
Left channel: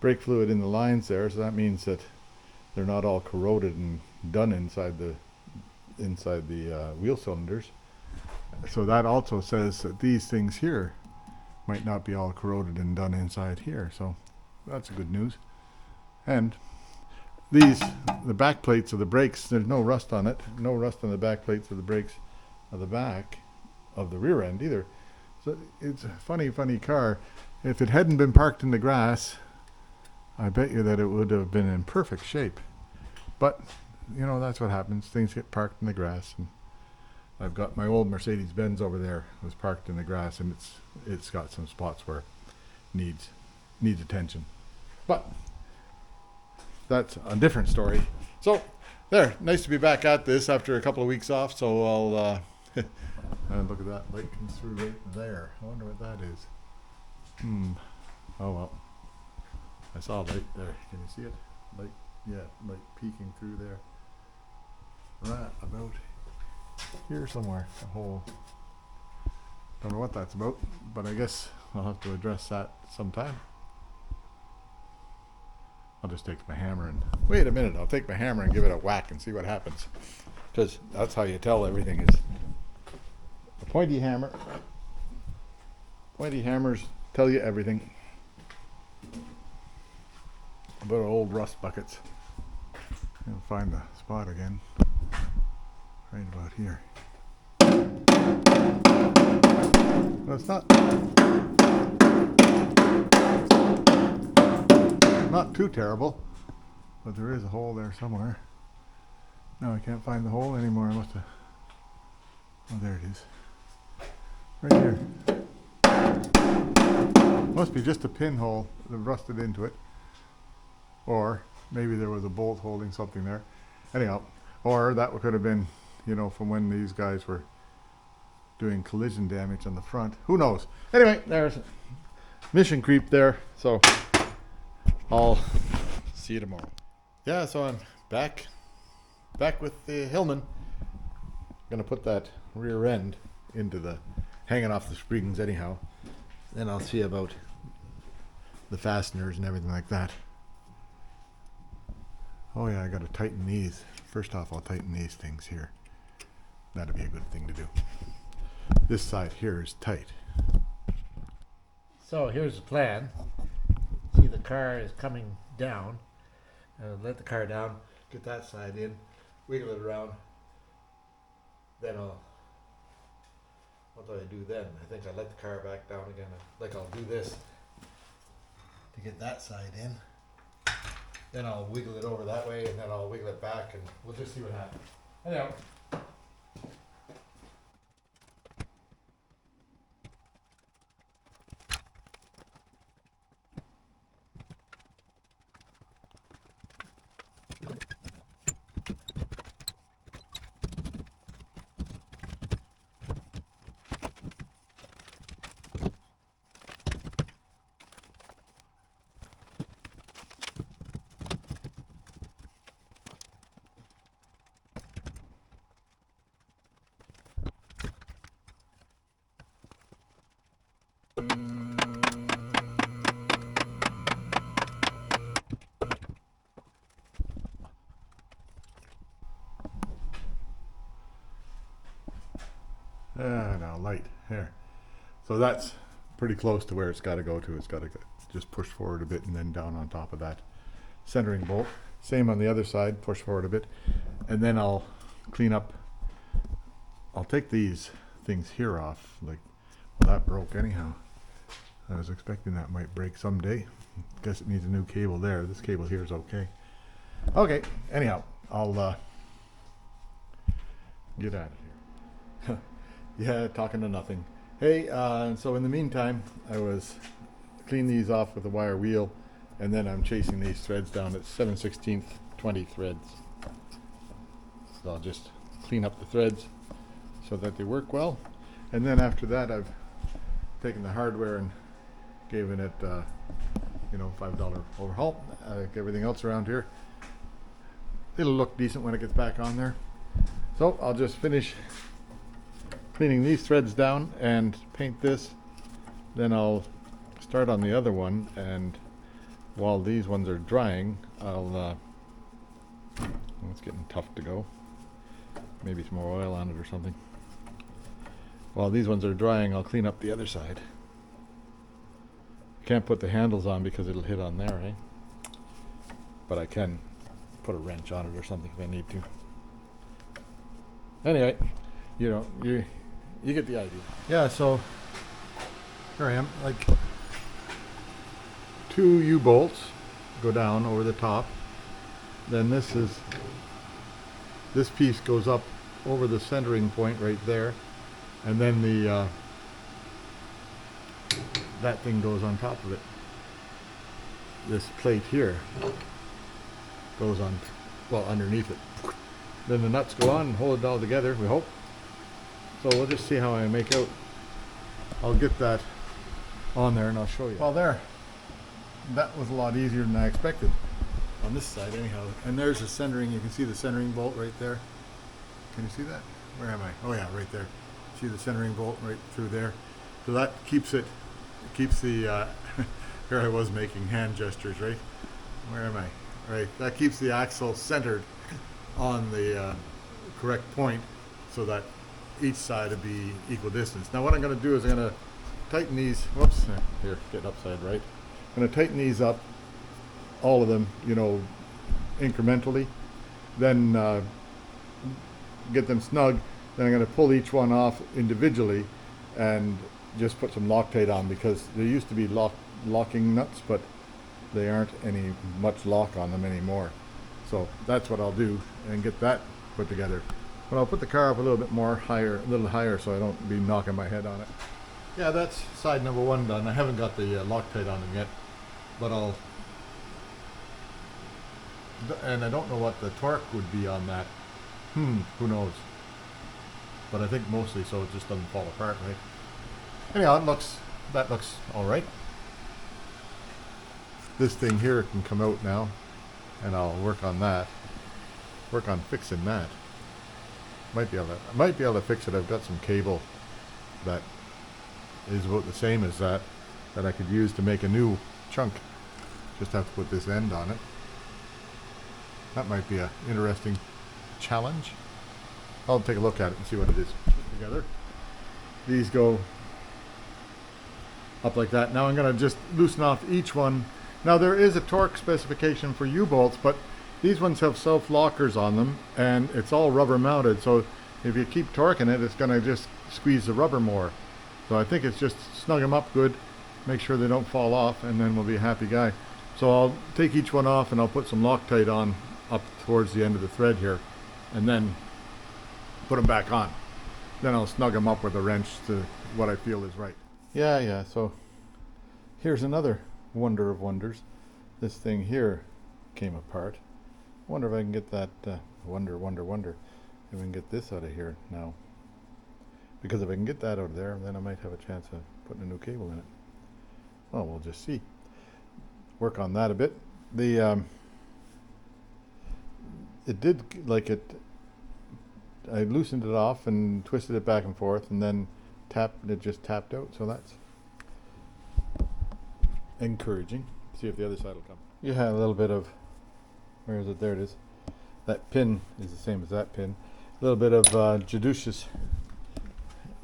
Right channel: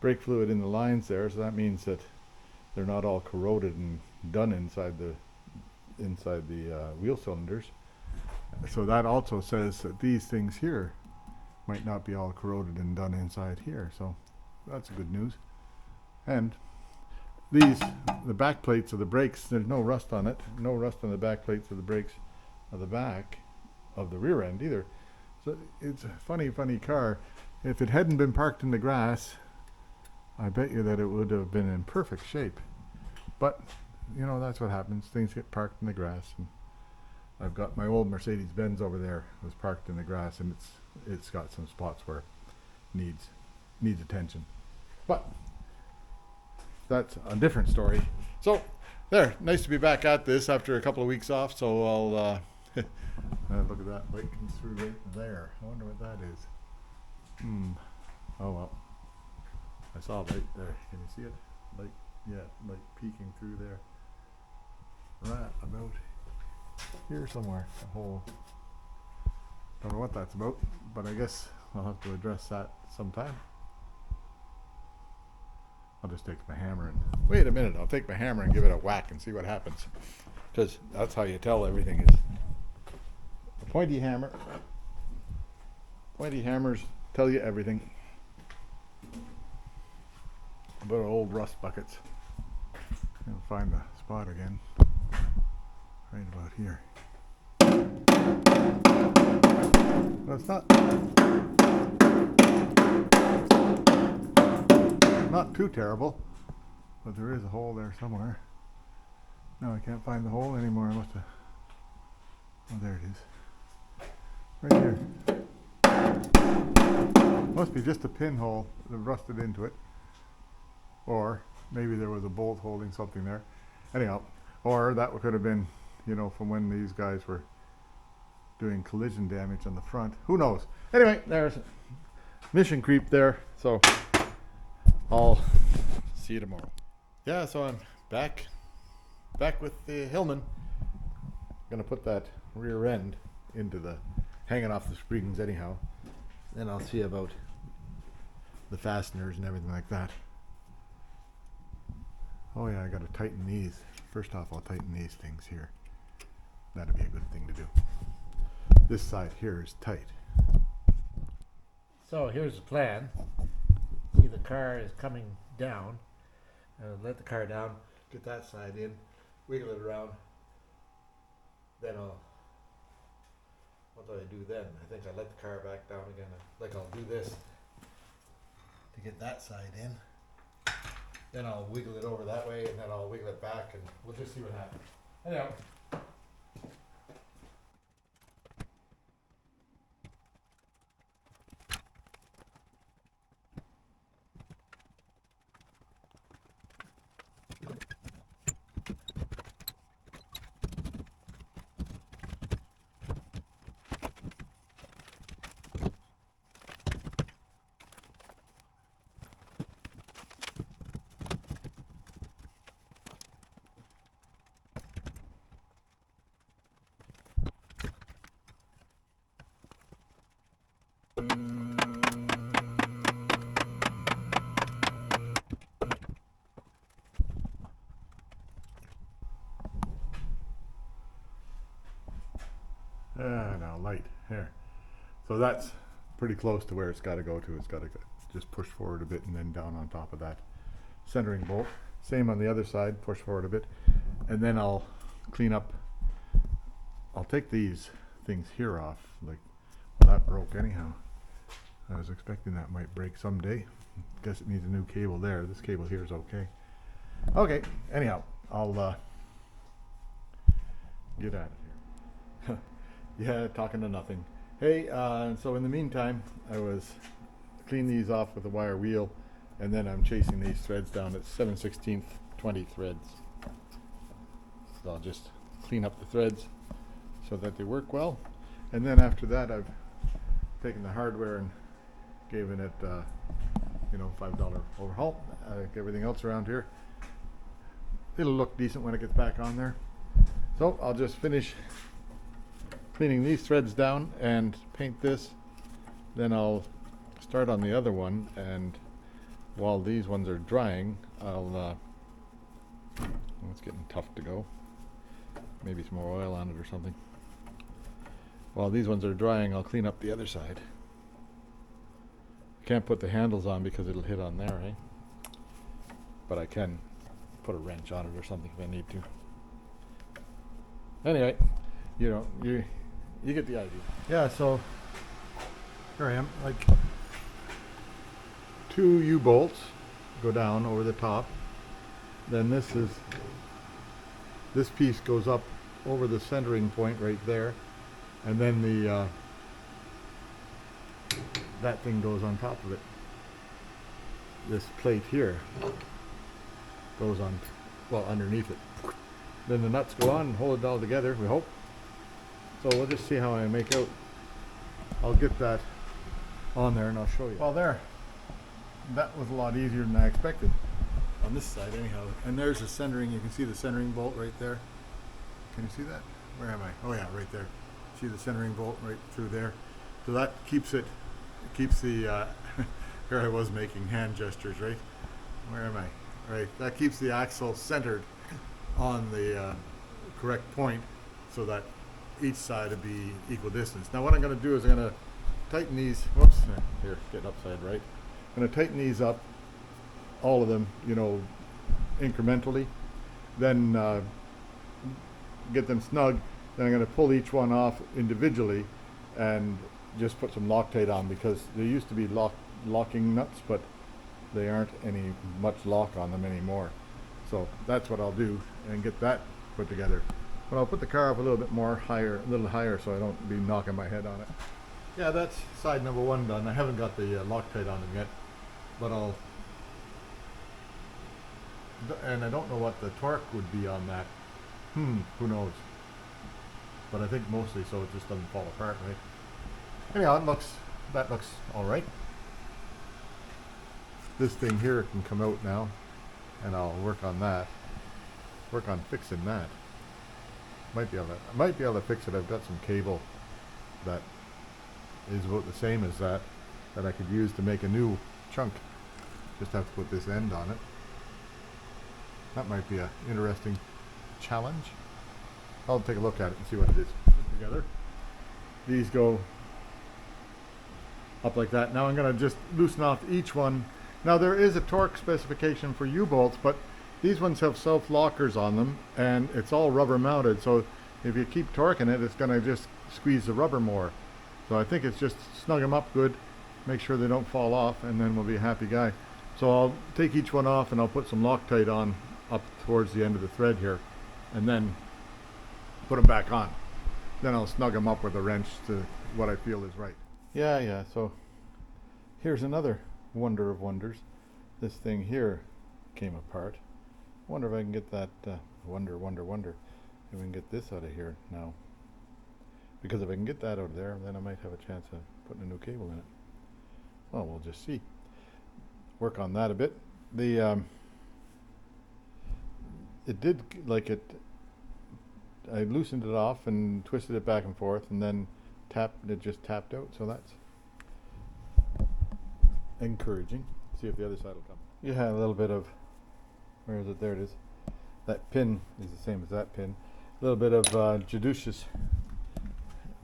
lines there, so that means that they're not all corroded and done inside the wheel cylinders. So that also says that these things here might not be all corroded and done inside here, so that's good news. And the back plates of the brakes, there's no rust on it, no rust on the back plates of the brakes of the back of the rear end either. So it's a funny car. If it hadn't been parked in the grass, I bet you that it would have been in perfect shape. But you know, that's what happens. Things get parked in the grass, and I've got my old Mercedes-Benz over there. It was parked in the grass, and it's got some spots where it needs attention. But that's a different story. So there, nice to be back at this after a couple of weeks off. So I'll look at that light comes through right there. I wonder what that is. Oh well. I saw a light there. Can you see it? Light, yeah, light peeking through there. Right about here somewhere. A hole. Don't know what that's about, but I guess I'll have to address that sometime. I'll just take my hammer and wait a minute. I'll take my hammer and give it a whack and see what happens, because that's how you tell everything is. A pointy hammer. Pointy hammers tell you everything. About old rust buckets. I'll find the spot again. Right about here. Well, it's not too terrible, but there is a hole there somewhere. No, I can't find the hole anymore. I must have. Oh, there it is. Right here. Must be just a pinhole that rusted into it. Or maybe there was a bolt holding something there. Anyhow, or that could have been, you know, from when these guys were doing collision damage on the front. Who knows? Anyway, there's mission creep there. So I'll see you tomorrow. Yeah, so I'm back with the Hillman. Gonna put that rear end into the hanging off the springs anyhow. Then I'll see about the fasteners and everything like that. Oh yeah, I gotta tighten these. First off, I'll tighten these things here. That'd be a good thing to do. This side here is tight. So here's the plan. See, the car is coming down. Let the car down, get that side in, wiggle it around. Then what do I do then? I think I let the car back down again. Like I'll do this to get that side in. Then I'll wiggle it over that way, and then I'll wiggle it back, and we'll just see what happens. Anyhow. Now light here. So that's pretty close to where it's got to go to. It's got to just push forward a bit and then down on top of that centering bolt. Same on the other side, push forward a bit, and then I'll clean up. I'll take these things here off. Like, well, that broke anyhow. I was expecting that might break someday. Guess it needs a new cable there. This cable here is okay. Okay, anyhow, I'll get out of here. Yeah, talking to nothing. Hey, so in the meantime, I was cleaning these off with a wire wheel, and then I'm chasing these threads down at 7/16 20 threads. So I'll just clean up the threads so that they work well. And then after that, I've taken the hardware and given it, you know, $5 overhaul. Everything else around here, it'll look decent when it gets back on there. So I'll just finish cleaning these threads down and paint this. Then I'll start on the other one, and while these ones are drying, I'll it's getting tough to go. Maybe some more oil on it or something. While these ones are drying, I'll clean up the other side. Can't put the handles on because it'll hit on there, eh? But I can put a wrench on it or something if I need to. Anyway, you know, you get the idea. Yeah, so here I am. Like, 2 U-bolts go down over the top. Then this piece goes up over the centering point right there, and then the that thing goes on top of it. This plate here goes on, well, underneath it. Then the nuts go on and hold it all together, we hope. So we'll just see how I make out. I'll get that on there and I'll show you. Well, there. That was a lot easier than I expected. On this side anyhow. And there's the centering. You can see the centering bolt right there. Can you see that? Where am I? Oh yeah, right there. See the centering bolt right through there. So that keeps it, keeps the, here I was making hand gestures, right? Where am I? Right. That keeps the axle centered on the correct point so that each side would be equal distance. Now what I'm going to do is I'm going to tighten these, whoops, here, get upside right. I'm going to tighten these up all of them, you know, incrementally, then get them snug. Then I'm going to pull each one off individually and just put some Loctite on, because there used to be locking nuts, but they aren't any much lock on them anymore. So that's what I'll do and get that put together. But I'll put the car up a little bit more higher, a little higher, so I don't be knocking my head on it. Yeah, that's side number one done. I haven't got the Loctite on them yet, but and I don't know what the torque would be on that. Who knows? But I think mostly so it just doesn't fall apart, right? Anyhow, that looks all right. This thing here can come out now, and I'll work on that. Work on fixing that. I might be able to fix it. I've got some cable that is about the same as that I could use to make a new chunk. Just have to put this end on it. That might be an interesting challenge. I'll take a look at it and see what it is. Put together. These go up like that. Now I'm going to just loosen off each one. Now there is a torque specification for U-bolts, but these ones have self-lockers on them, and it's all rubber mounted, so if you keep torquing it, it's going to just squeeze the rubber more. So I think it's just snug them up good, make sure they don't fall off, and then we'll be a happy guy. So I'll take each one off and I'll put some Loctite on up towards the end of the thread here, and then put them back on. Then I'll snug them up with a wrench to what I feel is right. Yeah, so here's another wonder of wonders. This thing here came apart. Wonder if I can get that, wonder if we can get this out of here now. Because if I can get that out of there, then I might have a chance of putting a new cable in it. Well, we'll just see. Work on that a bit. It did, like I loosened it off and twisted it back and forth, and then it just tapped out, so that's encouraging. See if the other side will come. You had a little bit of, where is it? There it is. That pin is the same as that pin. A little bit of judicious,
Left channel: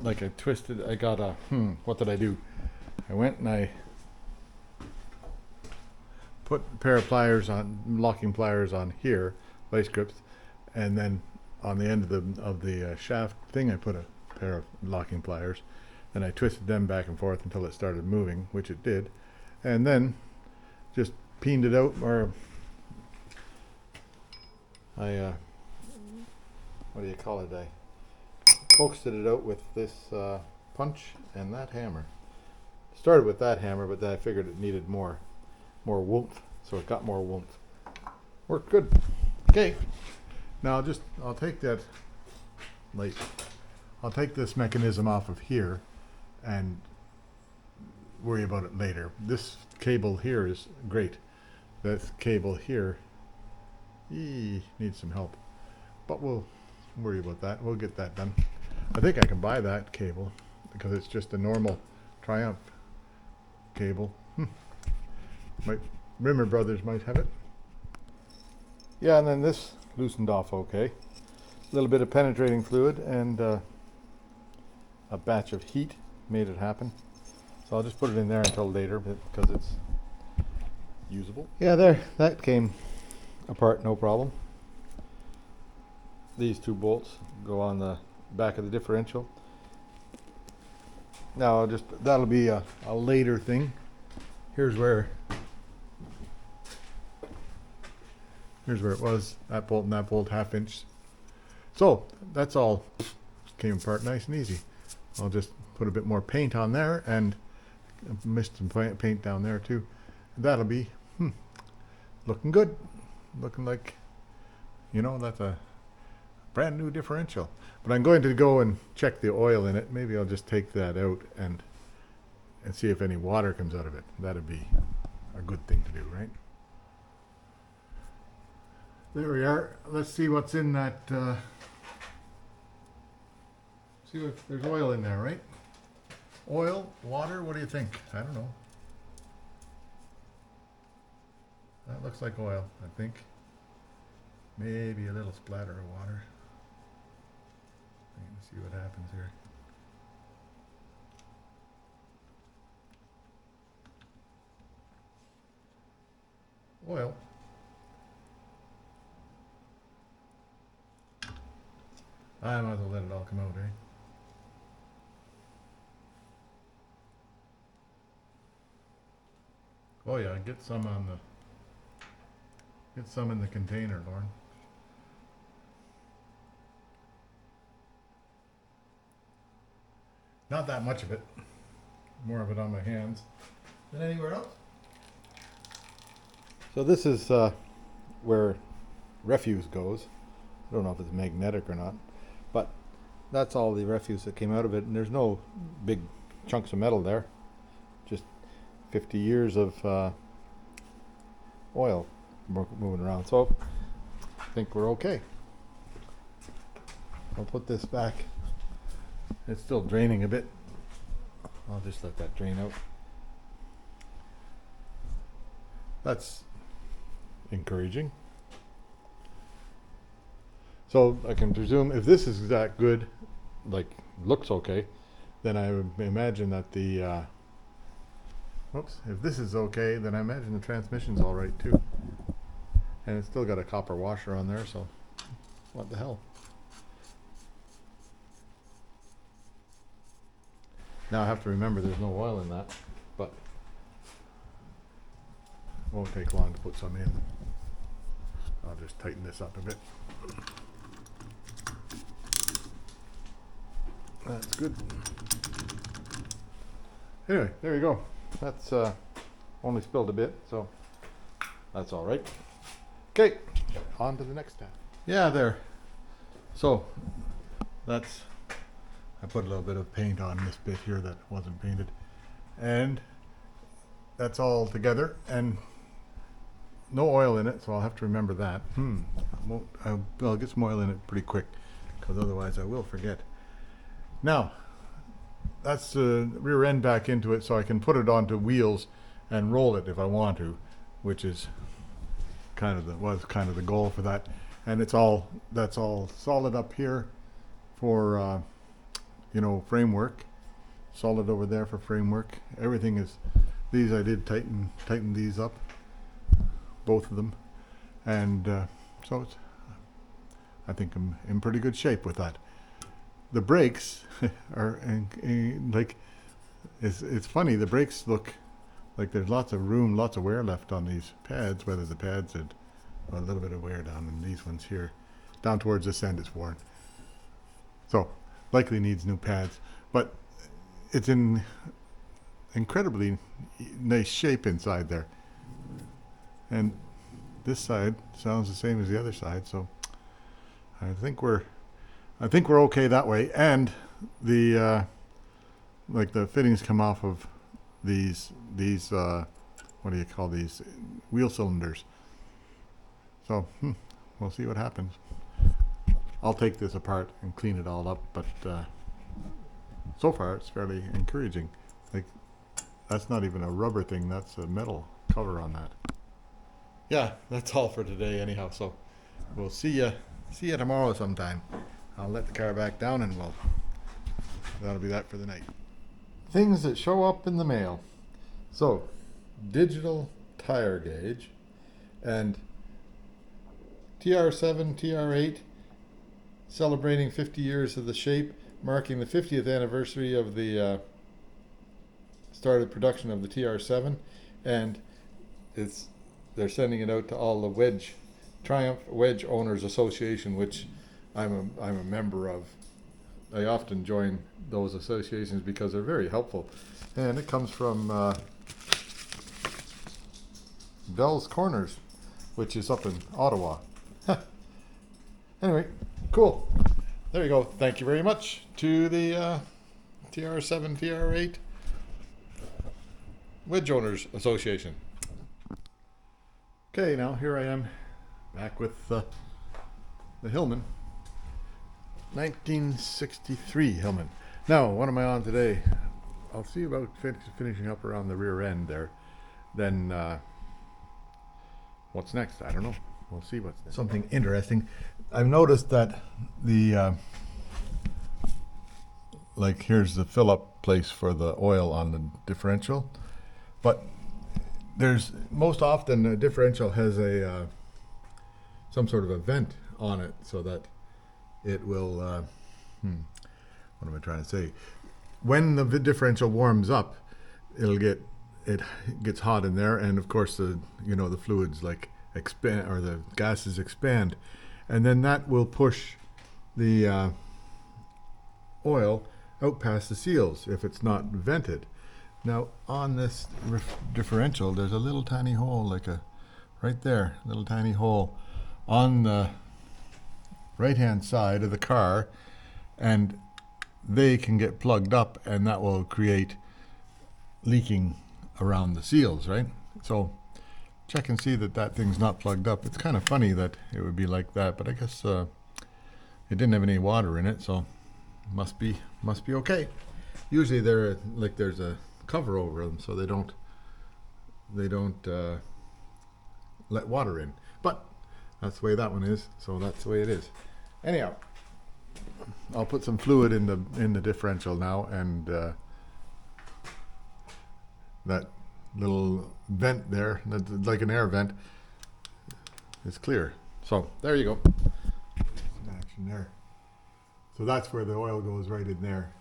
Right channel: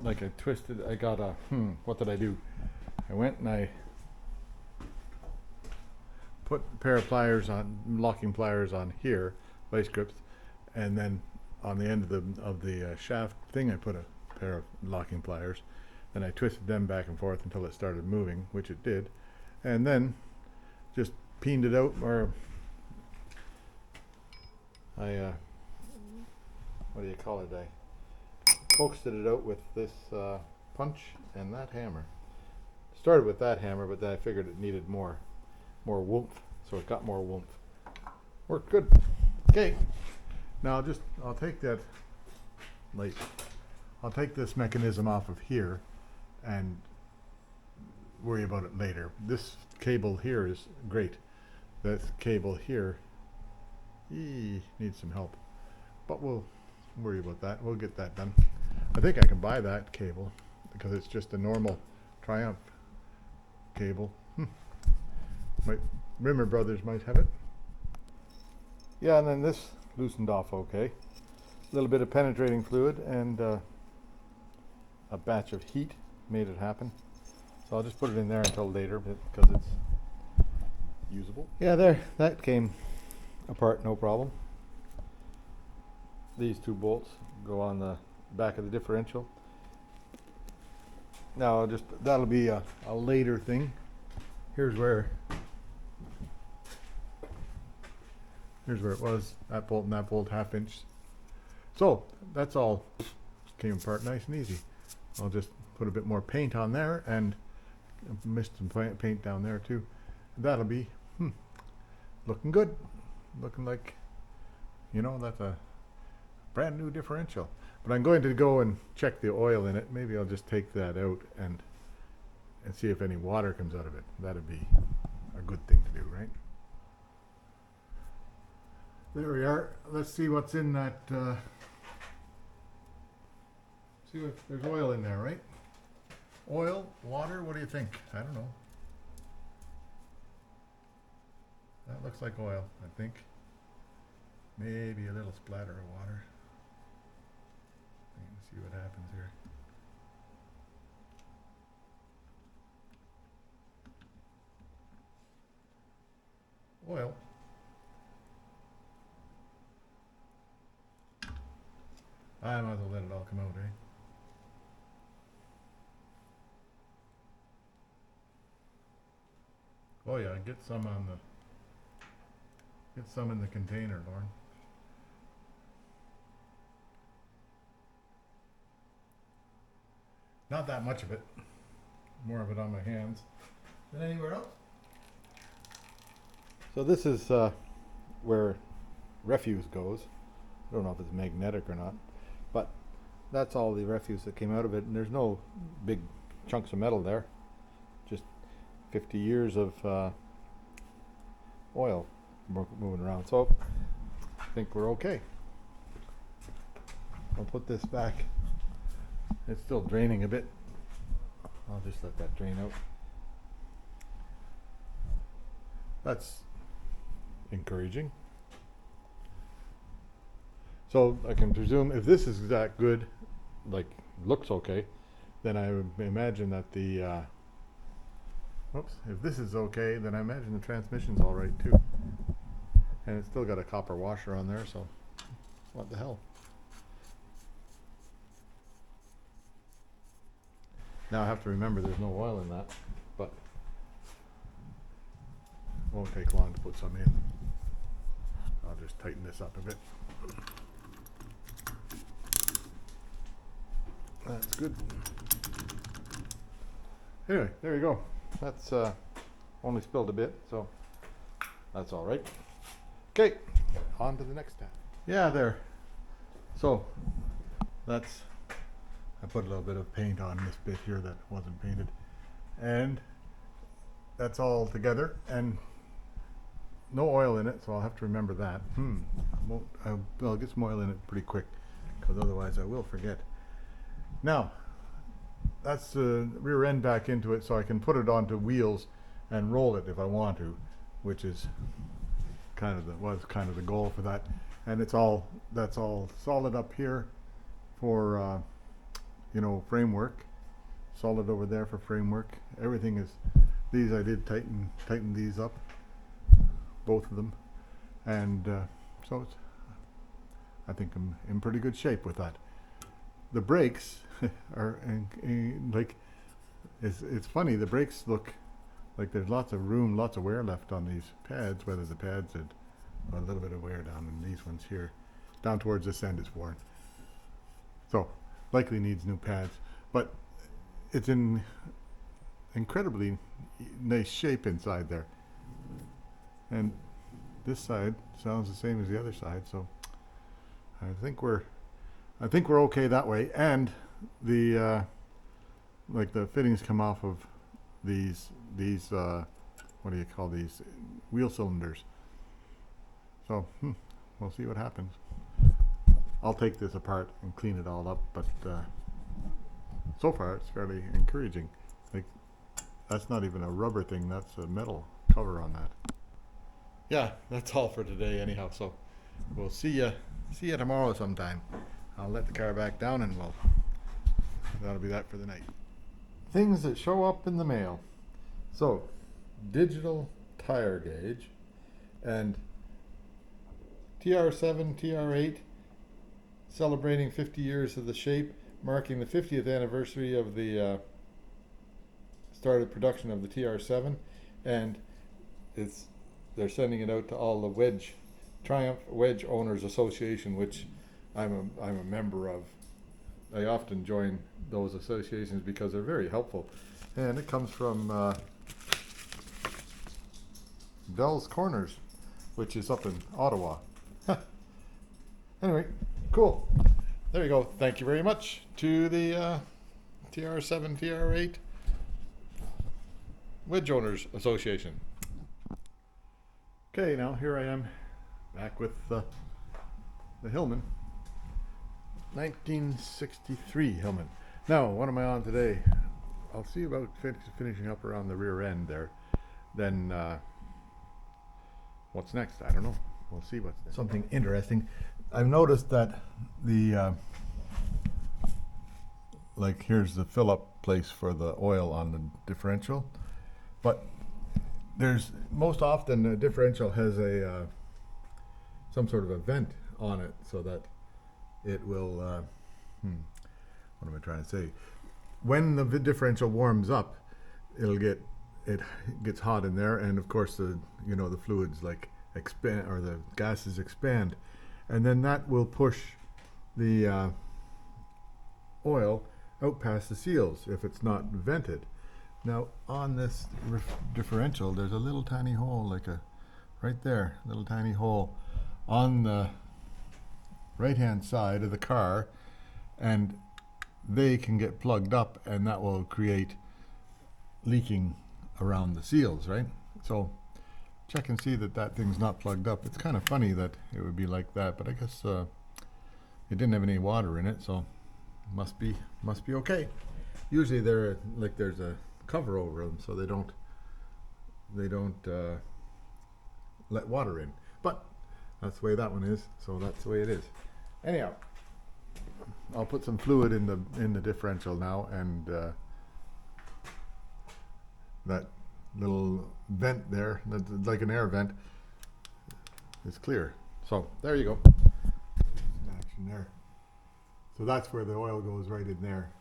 like I twisted, I got a, what did I do? I went and I put a pair of pliers on, locking pliers on here, vice grips, and then on the end of the shaft thing I put a pair of locking pliers, and I twisted them back and forth until it started moving, which it did, and then just peened it out, or I what do you call it, I coaxed it out with this punch and that hammer. Started with that hammer, but then I figured it needed more oomph, so it got more oomph. Worked good. Okay, now I'll take that light. I'll take this mechanism off of here and worry about it later. This cable here is great. This cable here needs some help, but we'll worry about that. We'll get that done. I think I can buy that cable because it's just a normal Triumph cable. Rimmer Brothers might have it. Yeah, and then this loosened off okay. A little bit of penetrating fluid and a batch of heat made it happen. So I'll just put it in there until later because it's usable. Yeah, there, that came apart no problem. These two bolts go on the back of the differential. Now that'll be a later thing. Here's where it was, that bolt and that bolt, 1/2 inch. So that's all came apart nice and easy. I'll just put a bit more paint on there and mist some paint down there too. That'll be looking good. Looking like, that's a brand new differential. But I'm going to go and check the oil in it. Maybe I'll just take that out and see if any water comes out of it. That'd be a good thing to do, right? There we are. Let's see what's in that. See if there's oil in there, right? Oil, water, what do you think? I don't know. That looks like oil, I think. Maybe a little splatter of water. Let's see what happens here. oil. I might as well let it all come out, eh? Oh yeah, get some in the container, Lauren. Not that much of it. More of it on my hands than anywhere else. So this is where refuse goes. I don't know if it's magnetic or not, but that's all the refuse that came out of it, and there's no big chunks of metal there. Just 50 years of oil moving around. So I think we're okay. I'll put this back. It's still draining a bit. I'll just let that drain out. That's encouraging. So I can presume if this is that good, like looks okay, then I would imagine that the if this is okay, then I imagine the transmission's all right too. And it's still got a copper washer on there, so what the hell. Now I have to remember there's no oil in that, but it won't take long to put some in. I'll just tighten this up a bit. That's good. Anyway, there you go. That's only spilled a bit, so that's all right. Okay, on to the next tab. Yeah, there. So that's, I put a little bit of paint on this bit here that wasn't painted, and that's all together, and no oil in it, so I'll have to remember that. I'll get some oil in it pretty quick, because otherwise I will forget. Now, that's the rear end back into it, so I can put it onto wheels and roll it if I want to, which is was kind of the goal for that. And that's all solid up here for framework. Solid over there for framework. Everything is, these I did tighten these up, both of them, and so I think I'm in pretty good shape with that. The brakes are like, it's funny, the brakes look like there's lots of room, lots of wear left on these pads, whether the pads had a little bit of wear down in these ones here. Down towards this end it's worn. So likely needs new pads, but it's in incredibly nice shape inside there. And this side sounds the same as the other side, so I think we're okay that way. And the like the fittings come off of these what do you call these, wheel cylinders. So we'll see what happens. I'll take this apart and clean it all up, but so far it's fairly encouraging. Like, that's not even a rubber thing, that's a metal cover on that. Yeah, that's all for today anyhow, so we'll see you tomorrow sometime. I'll let the car back down and that'll be that for the night. Things that show up in the mail. So, digital tire gauge and TR7, TR8 celebrating 50 years of the shape, marking the 50th anniversary of the started production of the TR7, and they're sending it out to all the Triumph Wedge Owners Association, which I'm a member of. I often join those associations because they're very helpful, and it comes from Bell's Corners, which is up in Ottawa. Anyway, cool. There you go. Thank you very much to the TR7, TR8 Wedge Owners Association. Okay, now here I am back with the Hillman. 1963 Hillman. Now, what am I on today? I'll see about finishing up around the rear end there. Then, what's next? I don't know. We'll see what's next. Something interesting. I've noticed that the, like here's the fill-up place for the oil on the differential, but there's most often a differential has a some sort of a vent on it so that it will what am I trying to say, when the differential warms up, it gets hot in there, and of course the the fluids like expand, or the gases expand, and then that will push the oil out past the seals if it's not vented. Now on this differential, there's a little tiny hole, like a right there, little tiny hole on the right hand side of the car, and they can get plugged up, and that will create leaking around the seals, right? So check and see that that thing's not plugged up. It's kind of funny that it would be like that, but I guess it didn't have any water in it, so must be okay. Usually there's a cover over them so they don't let water in, but that's the way that one is, so that's the way it is. Anyhow, I'll put some fluid in the differential now, and that little vent there, that's like an air vent, is clear. So there you go. Some action there. So that's where the oil goes, right in there.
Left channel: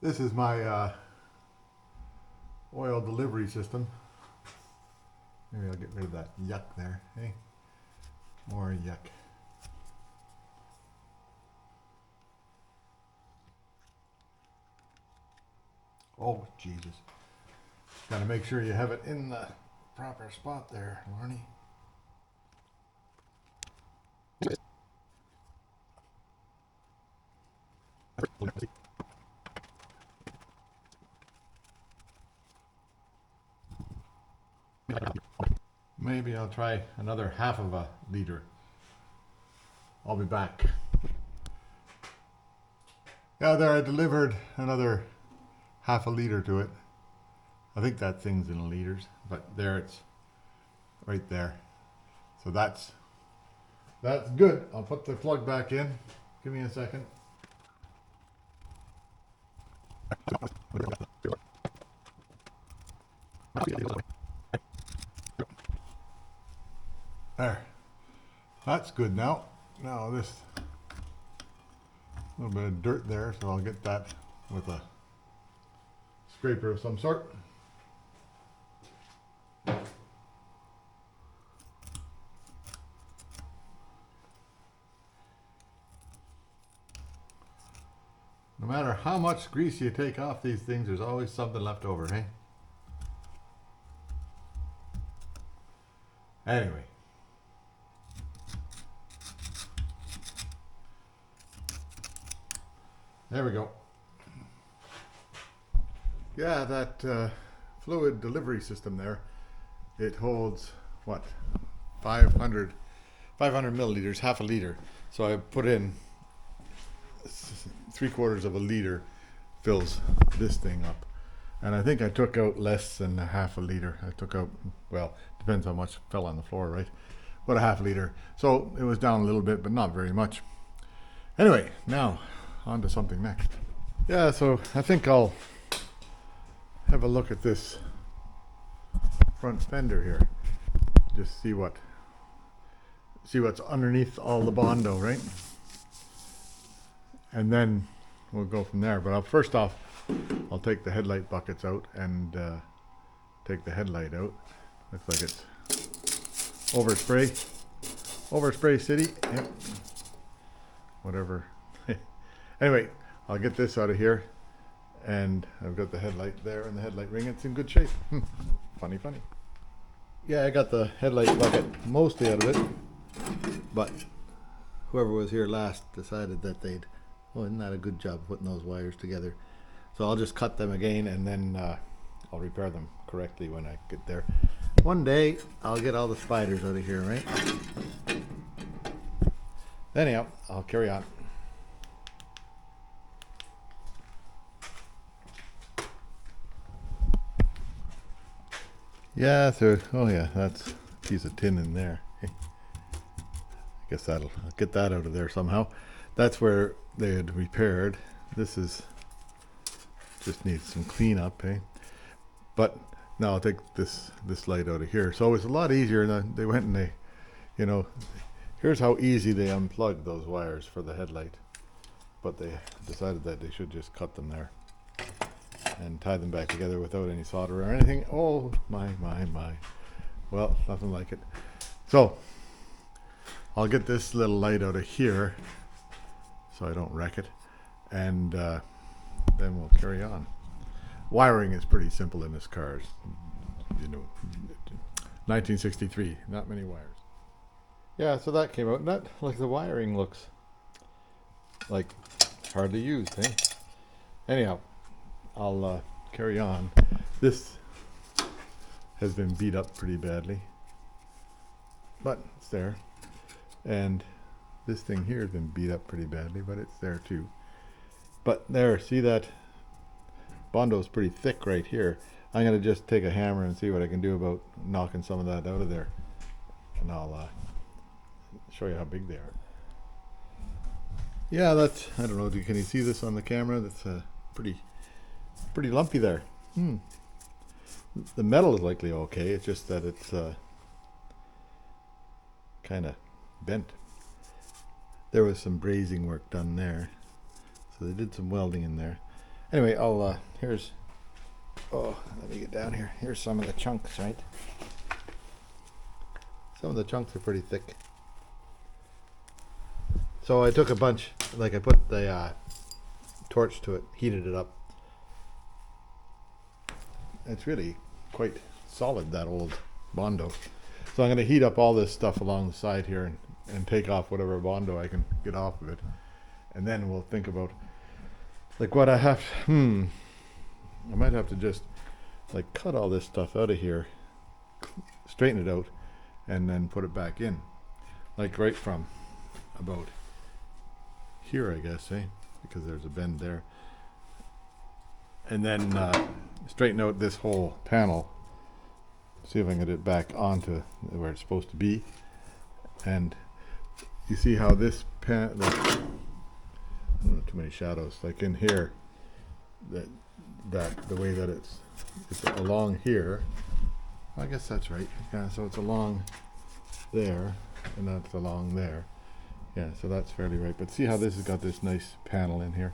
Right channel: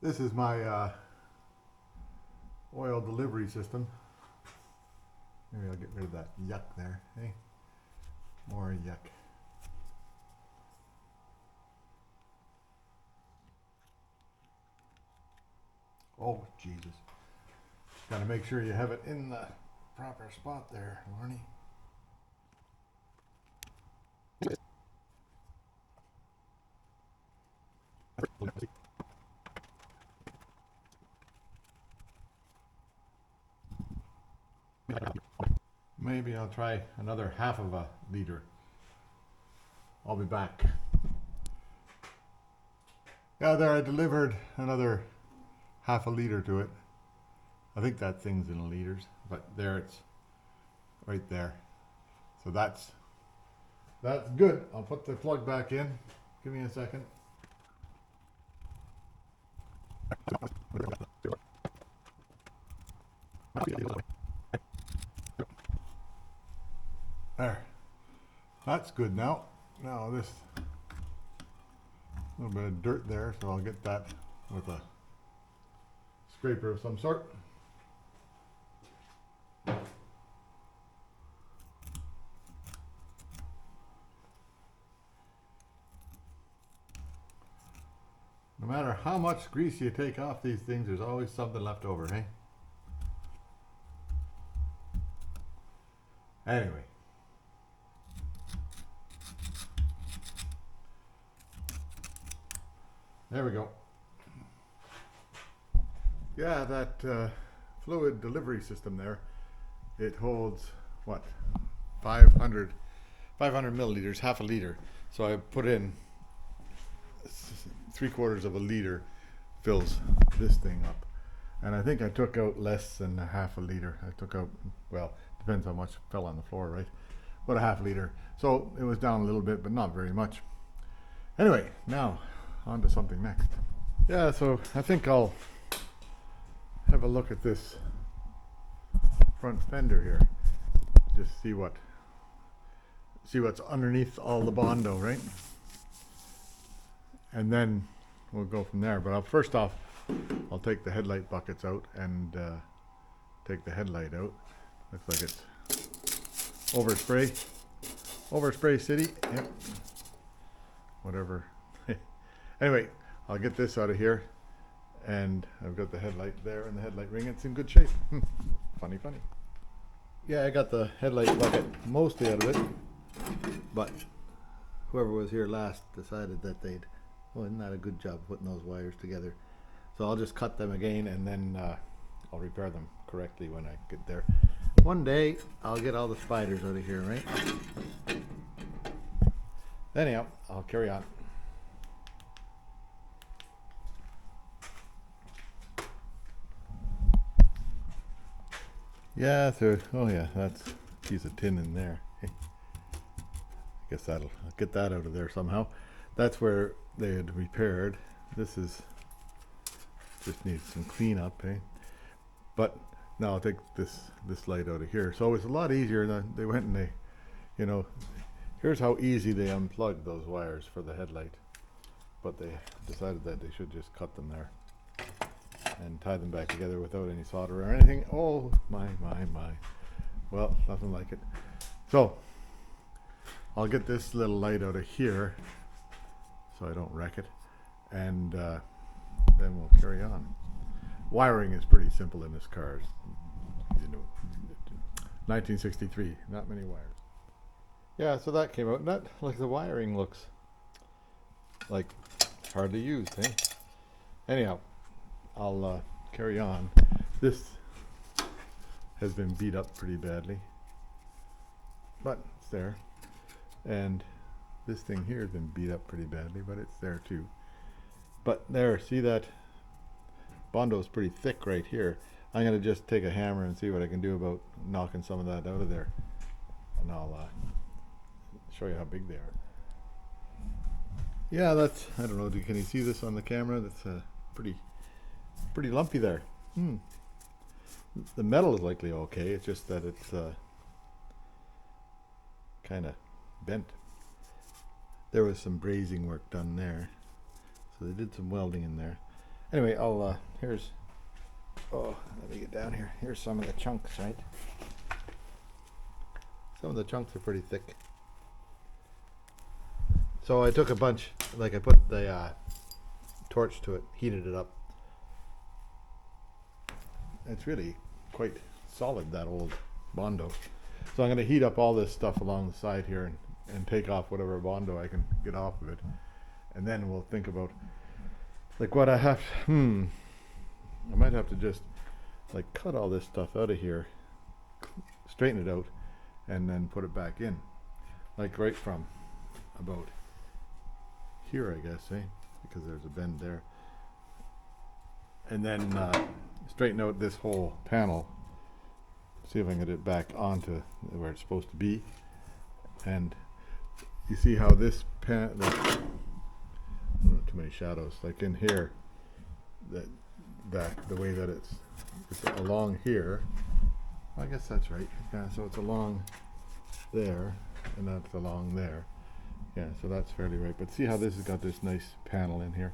This is my oil delivery system. Maybe I'll get rid of that yuck there. Hey, more yuck. Oh, Jesus. Got to make sure you have it in the proper spot there, Lorne. Maybe I'll try another half of a liter. I'll be back. Yeah, there I delivered another half a liter to it. I think that thing's in liters, but there it's right there. So that's good. I'll put the plug back in. Give me a second. There. That's good now. Now this little bit of dirt there, so I'll get that with a scraper of some sort. No matter how much grease you take off these things, there's always something left over, hey? Anyway. There we go. Yeah, that fluid delivery system there, it holds, what, 500 milliliters, half a liter. So I put in 3/4 of a liter, fills this thing up. And I think I took out less than a half a liter. I took out, well, depends how much fell on the floor, right? But a half liter. So it was down a little bit, but not very much. Anyway, now on to something next. Yeah, so I think I'll have a look at this front fender here. Just see what's underneath all the bondo, right? And then we'll go from there. But first off, I'll take the headlight buckets out and take the headlight out. Looks like it's overspray city. Yep. Whatever. Anyway, I'll get this out of here, and I've got the headlight there and the headlight ring. It's in good shape. Funny. Yeah, I got the headlight bucket mostly out of it, but whoever was here last decided that they'd, oh, isn't that a good job putting those wires together? So I'll just cut them again, and then I'll repair them correctly when I get there. One day I'll get all the spiders out of here, right? Anyhow, I'll carry on. Yeah, so, oh yeah, that's a piece of tin in there. I guess I'll get that out of there somehow. That's where they had repaired. This is, just needs some cleanup, eh? But now I'll take this light out of here. So it's a lot easier. And they went and they, you know, here's how easy they unplugged those wires for the headlight. But they decided that they should just cut them there and tie them back together without any solder or anything. Oh, my. Well, nothing like it. So I'll get this little light out of here so I don't wreck it. And then we'll carry on. Wiring is pretty simple in this car. You know, 1963, not many wires. Yeah, so that came out. Not like the wiring looks like hardly used, eh? Anyhow, I'll carry on. This has been beat up pretty badly, but it's there. And this thing here has been beat up pretty badly, but it's there too. But there, see that bondo is pretty thick right here. I'm going to just take a hammer and see what I can do about knocking some of that out of there. And I'll show you how big they are. Yeah, that's, I don't know, can you see this on the camera? That's pretty lumpy there. The metal is likely okay, it's just that it's kind of bent. There was some brazing work done there. So they did some welding in there. Anyway, I'll, here's, oh, let me get down here. Here's some of the chunks, right? Some of the chunks are pretty thick. So I took a bunch, like I put the torch to it, heated it up. It's really quite solid, that old bondo. So I'm going to heat up all this stuff along the side here and take off whatever bondo I can get off of it. And then we'll think about like what I have, I might have to just like cut all this stuff out of here, straighten it out, and then put it back in. Like right from about here, I guess, eh? Because there's a bend there. And then straighten out this whole panel. See if I can get it back onto where it's supposed to be. And you see how this I don't know, too many shadows. Like in here, that the way that it's along here. I guess that's right. Yeah, so it's along there, and that's along there. Yeah, so that's fairly right. But see how this has got this nice panel in here,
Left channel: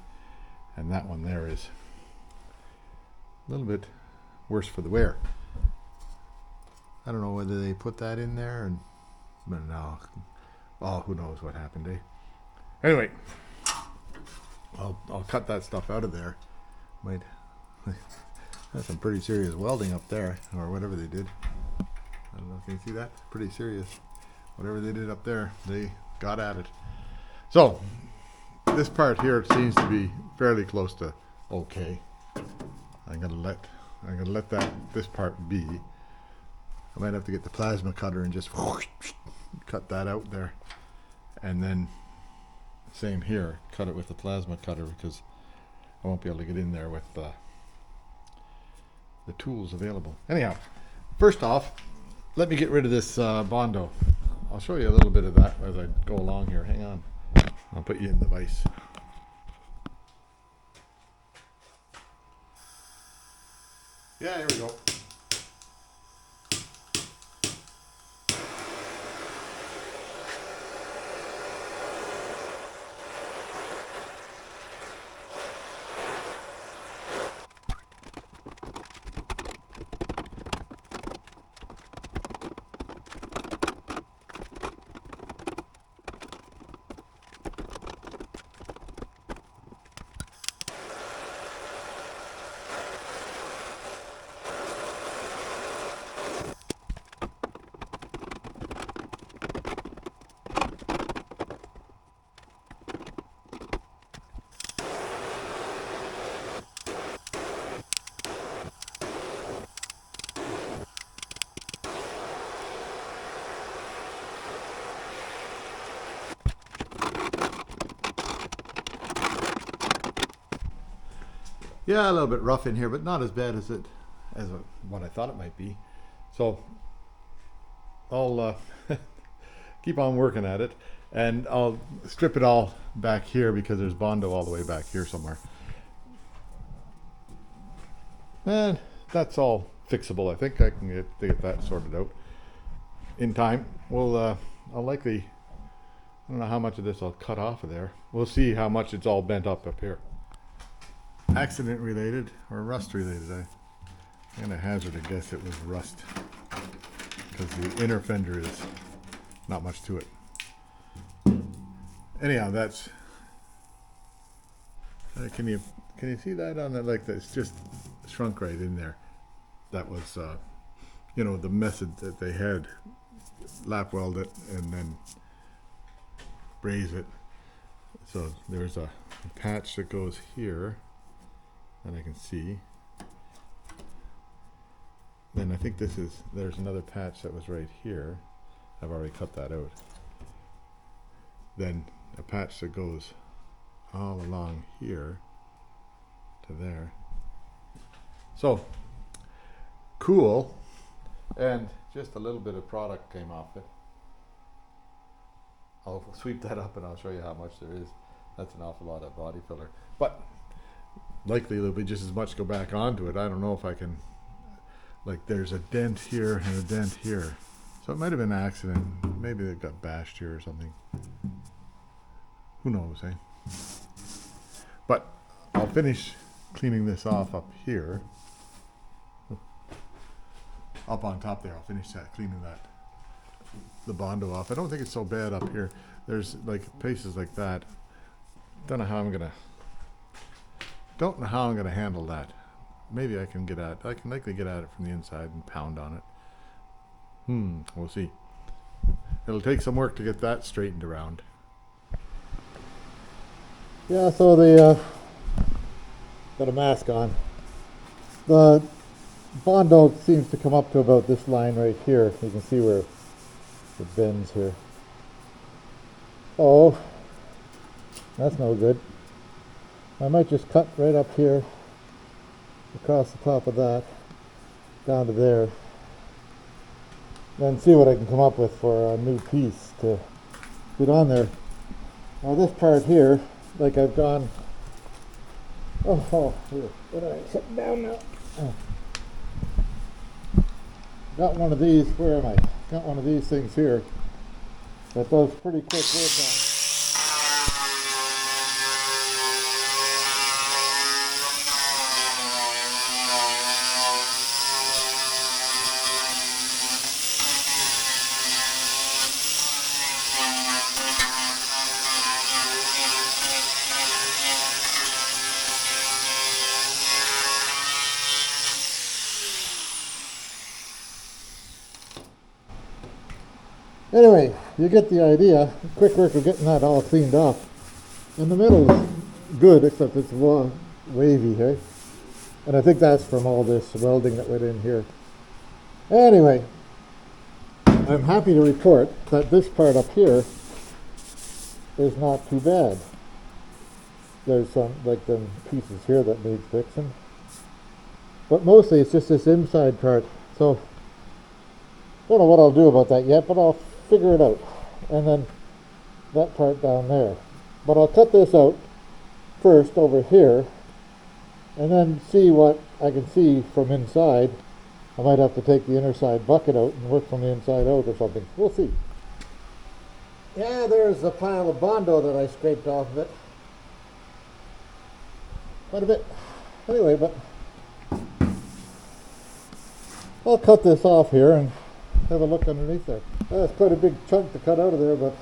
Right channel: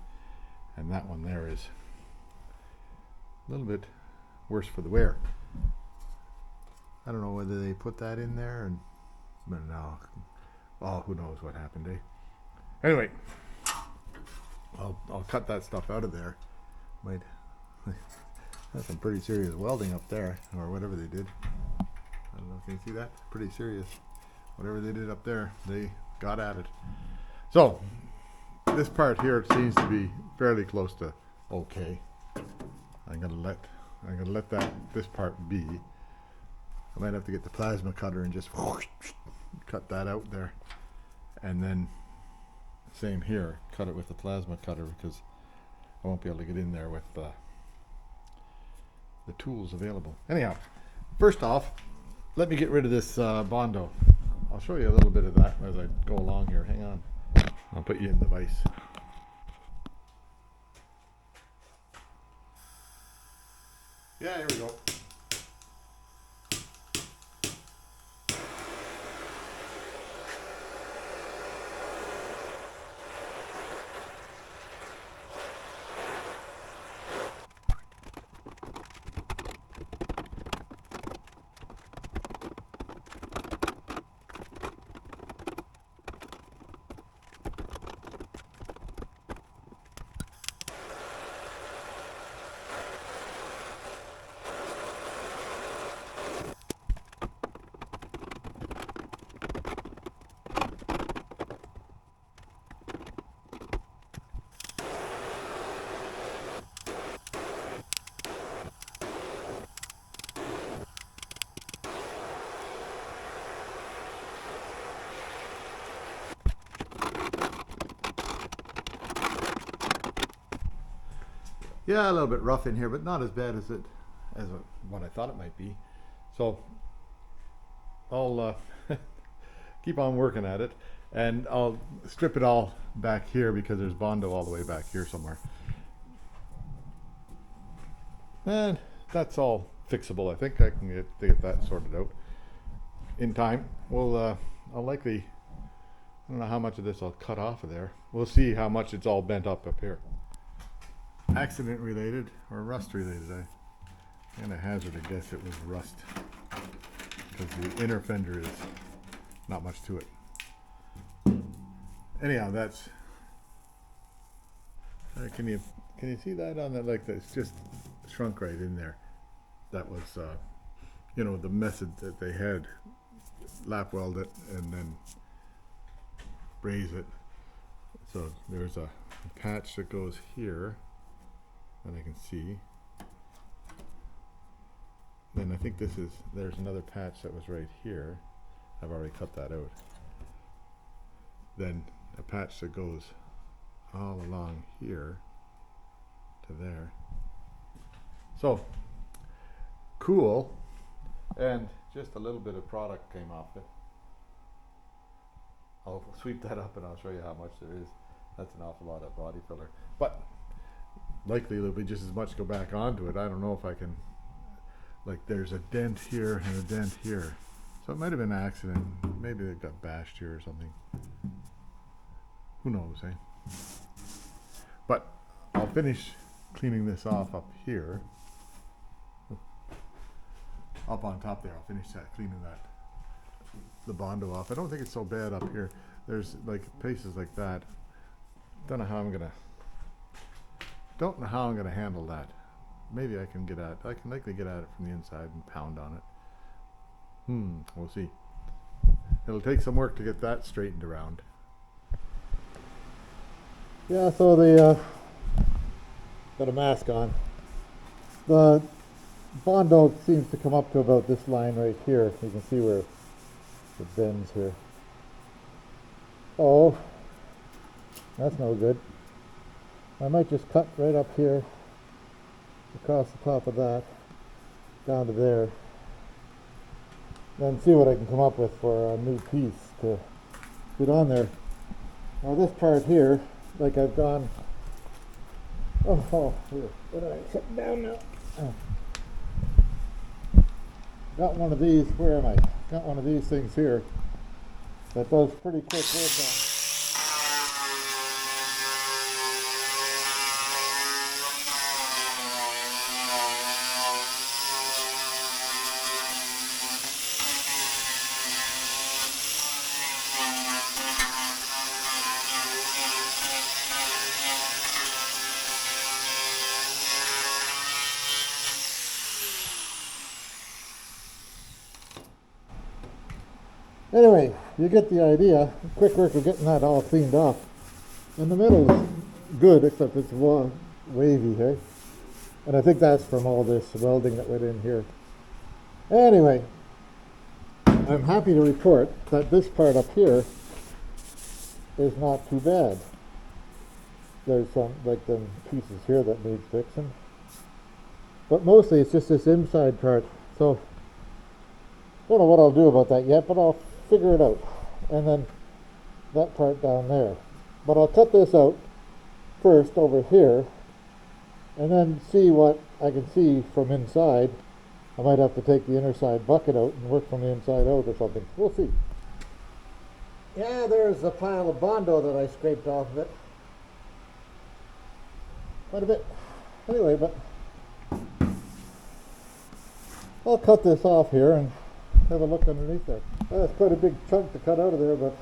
and that one there is a little bit worse for the wear. I don't know whether they put that in there, but no. Oh, who knows what happened, eh? Anyway, I'll cut that stuff out of there. That's some pretty serious welding up there, or whatever they did. I don't know if you can see that. Pretty serious. Whatever they did up there, they got at it. So this part here seems to be fairly close to okay. I'm gonna let this part be. I might have to get the plasma cutter and just cut that out there, and then same here, cut it with the plasma cutter because I won't be able to get in there with the tools available. Anyhow, first off, let me get rid of this bondo. I'll show you a little bit of that as I go along here. Hang on. I'll put you in the vise. Yeah, here we go. Yeah, a little bit rough in here, but not as bad as what I thought it might be. So I'll keep on working at it, and I'll strip it all back here because there's bondo all the way back here somewhere. And that's all fixable. I think I can get that sorted out in time. I'll likely, I don't know how much of this I'll cut off of there. We'll see how much it's all bent up here. Accident related or rust related. I'm gonna hazard a guess it was rust, because the inner fender is not much to it. Anyhow, that's. Can you see that on that? Like that's just shrunk right in there. That was, you know, the method that they had. Lap weld it and then braze it. So there's a patch that goes here that I can see. Then I think there's another patch that was right here. I've already cut that out. Then a patch that goes all along here to there. So cool. And just a little bit of product came off it. I'll sweep that up and I'll show you how much there is. That's an awful lot of body filler. But likely there'll be just as much go back onto it. I don't know if I can, like there's a dent here and a dent here. So it might have been an accident. Maybe it got bashed here or something. Who knows, eh? But I'll finish cleaning this off up here. Up on top there, I'll finish that, cleaning the bondo off. I don't think it's so bad up here. There's like places like that. Don't know how I'm gonna handle that. Maybe I can likely get at it from the inside and pound on it. We'll see. It'll take some work to get that straightened around. Yeah, so the got a mask on. The bondo seems to come up to about this line right here. You can see where it bends here. Oh, that's no good. I might just cut right up here, across the top of that, down to there, then see what I can come up with for a new piece to put on there. Now this part here, like I've gone, here, what do I sit down now? Got one of these, where am I? Got one of these things here that does pretty quick work on. Anyway, you get the idea. Quick work of getting that all cleaned off. And the middle is good, except it's wavy here. And I think that's from all this welding that went in here. Anyway, I'm happy to report that this part up here is not too bad. There's some, like them pieces here that need fixing. But mostly it's just this inside part. So, don't know what I'll do about that yet, but I'll figure it out. And then that part down there. But I'll cut this out first over here and then see what I can see from inside. I might have to take the inner side bucket out and work from the inside out or something. We'll see. Yeah, there's a pile of bondo that I scraped off of it. Quite a bit. Anyway, but I'll cut this off here and have a look underneath there. That's quite a big chunk to cut out of there, but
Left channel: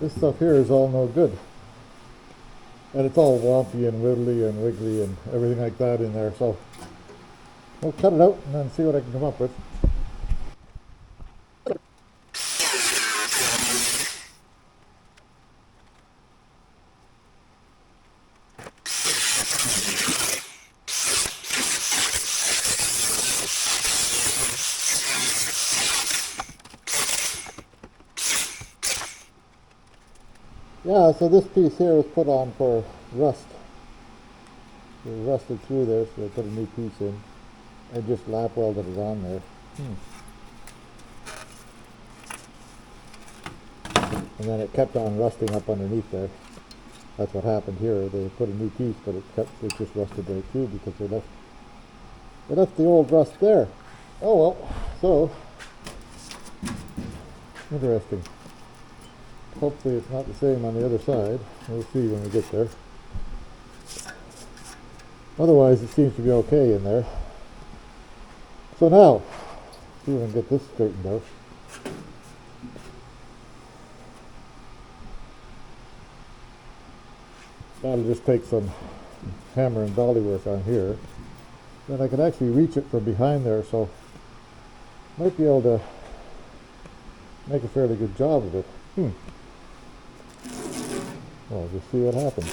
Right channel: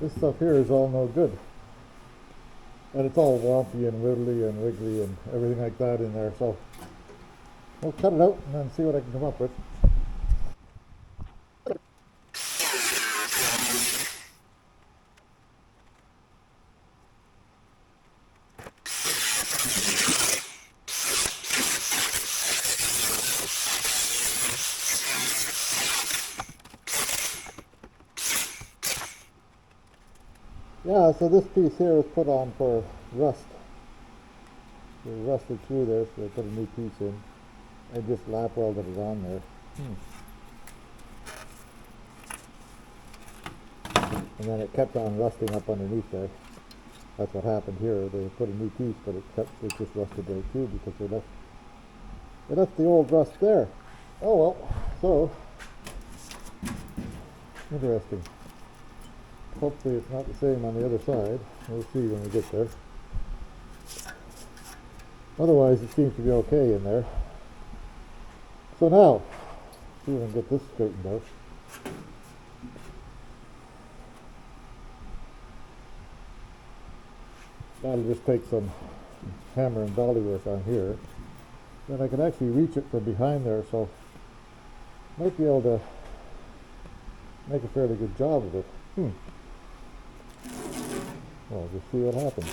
this stuff here is all no good. And it's all wompy and wiggly and everything like that in there, so we'll cut it out and then see what I can come up with. Yeah, so this piece here was put on for rust. It rusted through there, so I put a new piece in. I just lap welded it on there. And then it kept on rusting up underneath there. That's what happened here. They put a new piece, but it just rusted right through because they left But that's the old rust there. Oh well, so interesting. Hopefully it's not the same on the other side. We'll see when we get there. Otherwise it seems to be okay in there. So now, see if I can get this straightened out. That'll just take some hammer and dolly work on here. Then I can actually reach it from behind there, so might be able to make a fairly good job of it. Well, just see what happens.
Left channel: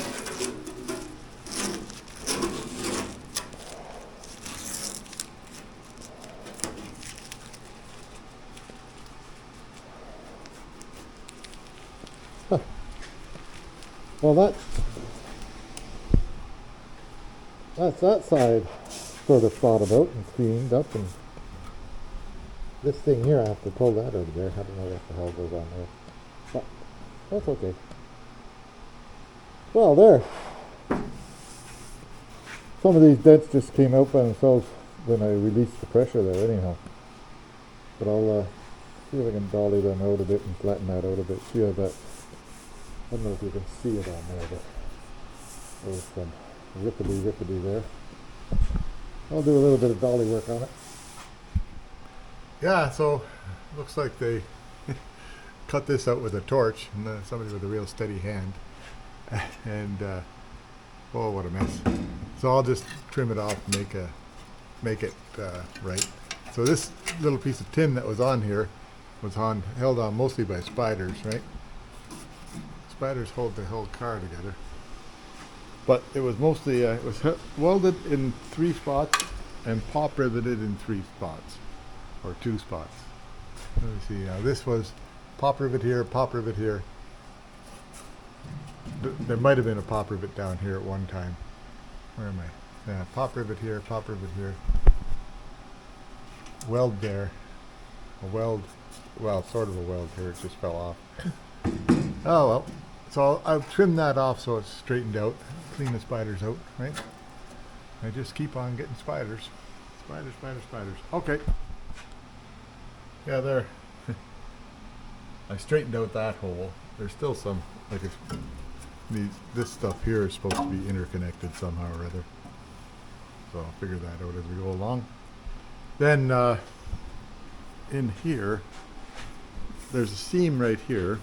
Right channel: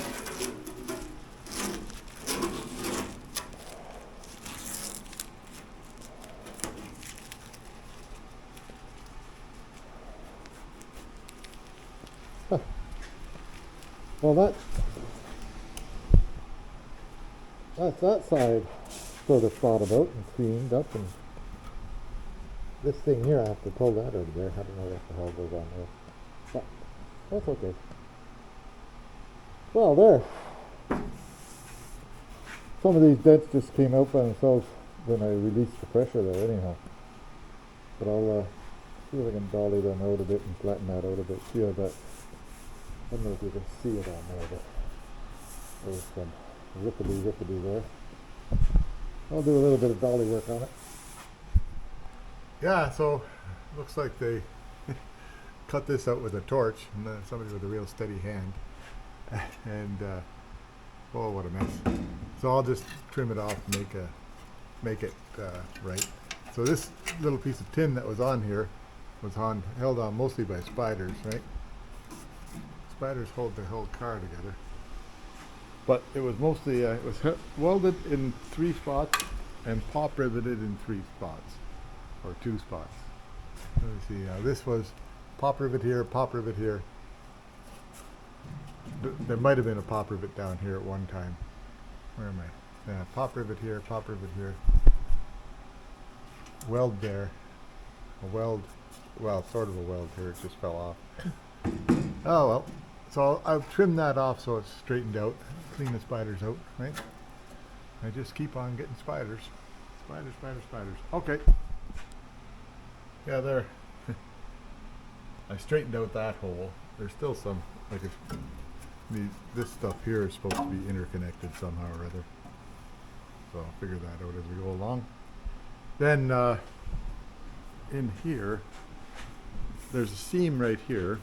Well, that's that side sort of thought about and cleaned up, and this thing here, I have to pull that out of there. I don't know what the hell goes on there, but that's okay. Well, there. Some of these dents just came out by themselves when I released the pressure there anyhow. But I'll see if I can dolly them out a bit and flatten that out a bit. See how that, I don't know if you can see it on there, but there's some rippity there. I'll do a little bit of dolly work on it. Yeah, so looks like they cut this out with a torch, and somebody with a real steady hand. And oh, what a mess. So I'll just trim it off and make it right. So this little piece of tin that was on here was held on mostly by spiders, right? Spiders hold the whole car together. But it was mostly, it was welded in 3 spots and pop riveted in 3 spots, or 2 spots. Let me see, now this was pop rivet here, pop rivet here. There might have been a pop rivet down here at one time. Where am I? Yeah, pop rivet here, weld there, a weld, well, sort of a weld here, it just fell off. Oh well, so I'll trim that off so it's straightened out, clean the spiders out, right? I just keep on getting spiders. Spiders. Okay. Yeah, there. I straightened out that hole. There's still some, like this stuff here is supposed to be interconnected somehow or other. So I'll figure that out as we go along. Then in here, there's a seam right here,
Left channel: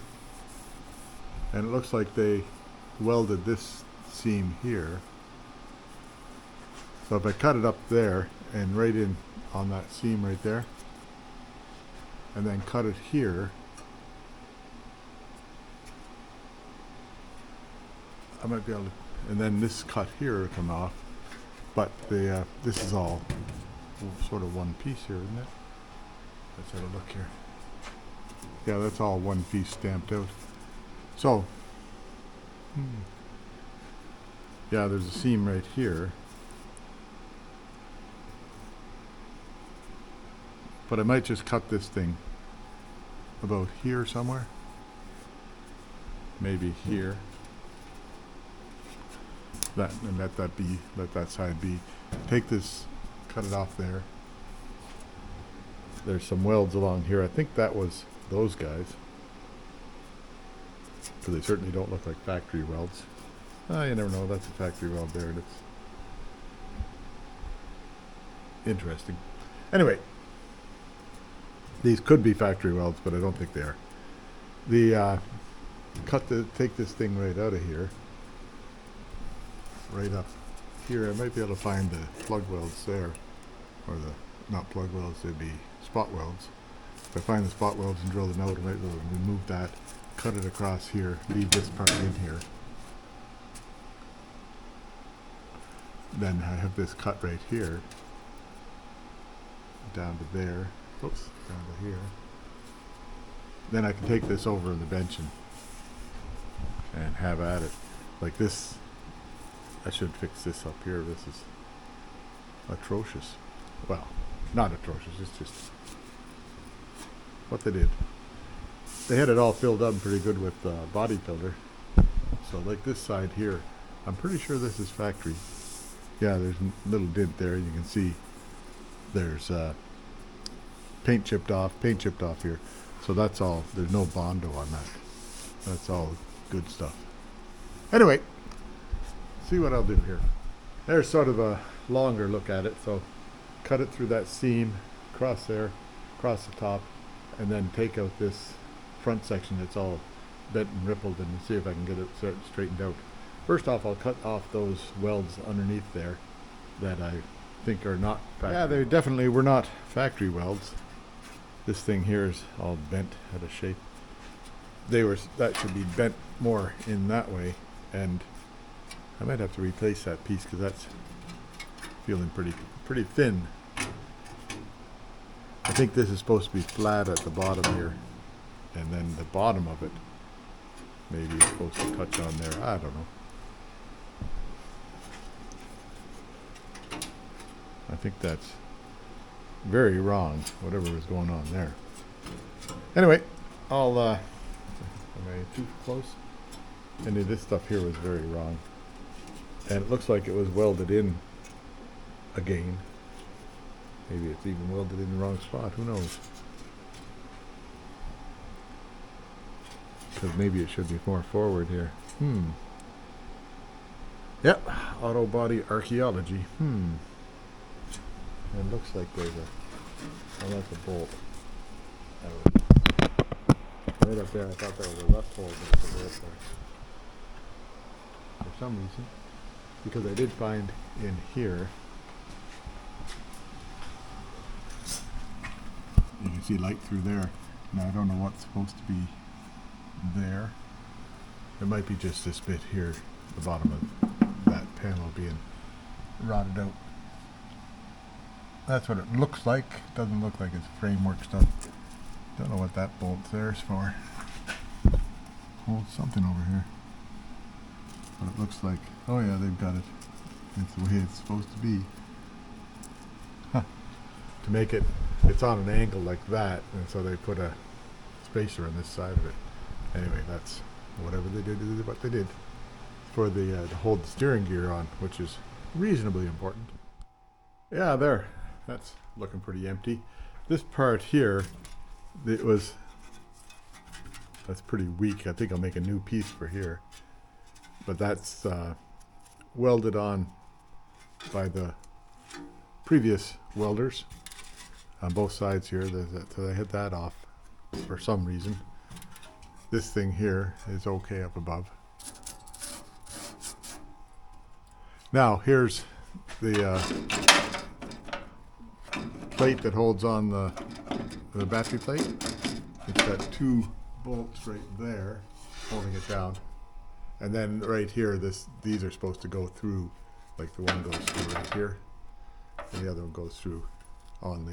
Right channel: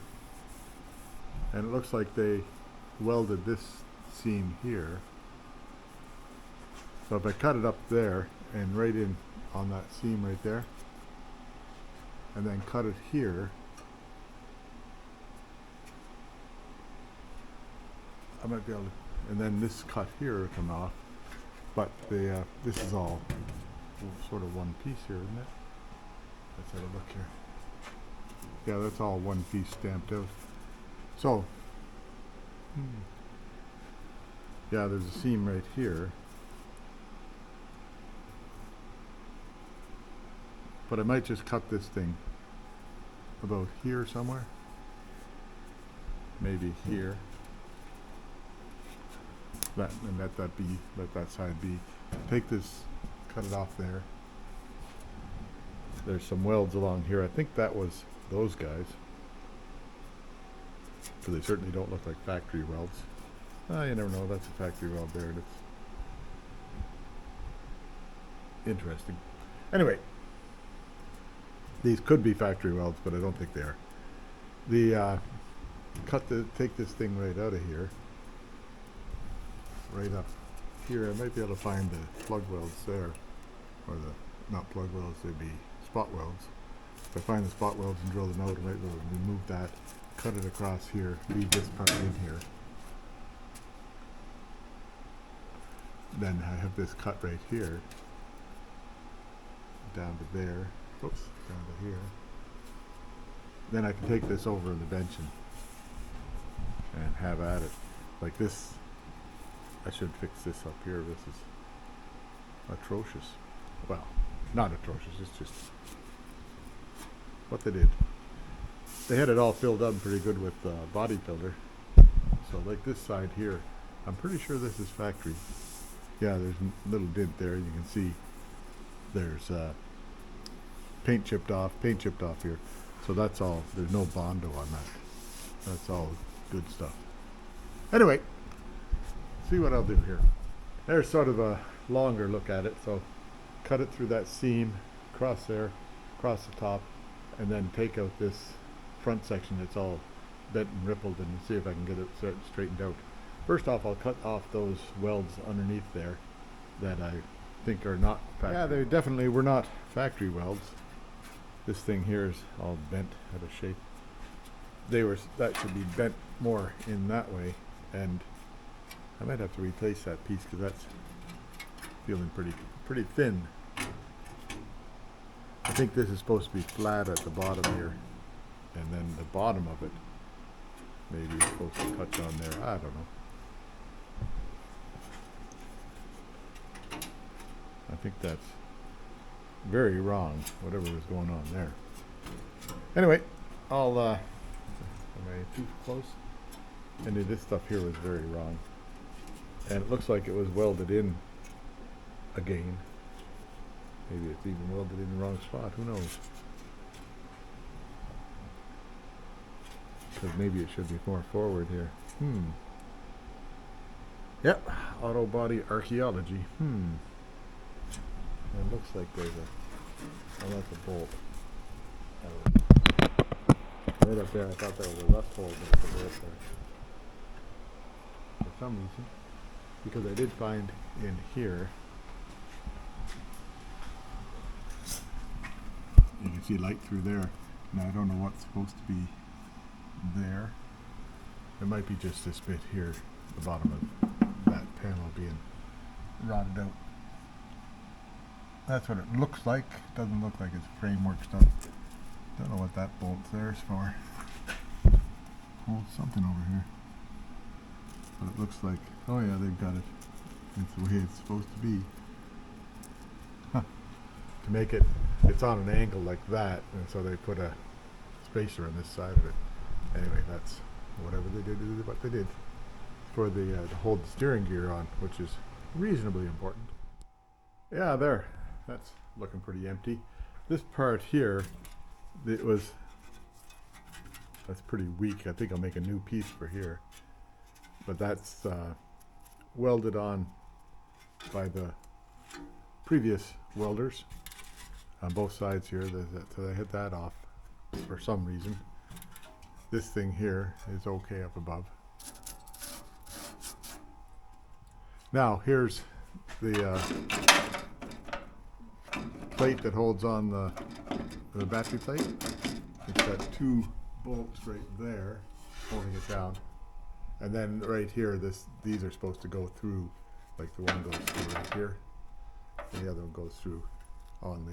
and it looks like they welded this seam here. So if I cut it up there and right in on that seam right there, and then cut it here, I might be able to, and then this cut here will come off, but the this is all sort of one piece here, isn't it? Let's have a look here. Yeah, that's all one piece stamped out. So, yeah, there's a seam right here. But I might just cut this thing about here somewhere. Maybe here. That, and let that side be. Take this, cut it off there. There's some welds along here. I think that was those guys, because they certainly don't look like factory welds. Oh, you never know. That's a factory weld there. That's interesting. Anyway, these could be factory welds, but I don't think they are. Take this thing right out of here, right up here. I might be able to find the plug welds there, or not plug welds, they'd be spot welds. If I find the spot welds and drill them out, I might be able to remove that, cut it across here, leave this part in here. Then I have this cut right here, down to there, oops, down to here. Then I can take this over the bench and have at it. Like this, I should fix this up here. This is atrocious. Well, not atrocious, it's just what they did. They had it all filled up pretty good with body filler. So like this side here, I'm pretty sure this is factory. Yeah, there's a little dent there, you can see There's paint chipped off here. So that's all. There's no bondo on that. That's all good stuff. Anyway, see what I'll do here. There's sort of a longer look at it. So cut it through that seam, across there, across the top, and then take out this front section that's all bent and rippled, and see if I can get it straightened out. First off, I'll cut off those welds underneath there that I think are not factory. Yeah, they definitely were not factory welds. This thing here is all bent out of shape. That should be bent more in that way, and I might have to replace that piece because that's feeling pretty thin. I think this is supposed to be flat at the bottom here, and then the bottom of it maybe is supposed to touch on there. I don't know. I think that's very wrong, whatever was going on there. Anyway, am I too close? Any of this stuff here was very wrong. And it looks like it was welded in again. Maybe it's even welded in the wrong spot, who knows? Because maybe it should be more forward here. Yep, auto body archaeology. It looks like there's that's a bolt. Right up there, I thought that was a left hole, but it's a bolt there. For some reason. Because I did find in here, you can see light through there. Now I don't know what's supposed to be there. It might be just this bit here, the bottom of that panel being rotted out. That's what it looks like. Doesn't look like it's framework stuff. Don't know what that bolt there is for. Holds something over here. But it looks like, oh yeah, they've got it. It's the way it's supposed to be. Huh. To make it, it's on an angle like that, and so they put a spacer on this side of it. Anyway, that's whatever they did, what they did. For to hold the steering gear on, which is reasonably important. Yeah, there. That's looking pretty empty. This part here, that's pretty weak. I think I'll make a new piece for here. But that's welded on by the previous welders on both sides here. So they hit that off for some reason. This thing here is okay up above. Now here's the plate that holds on the battery plate. It's got two bolts right there holding it down. And then right here, these are supposed to go through, like the one goes through right here, and the other one goes through on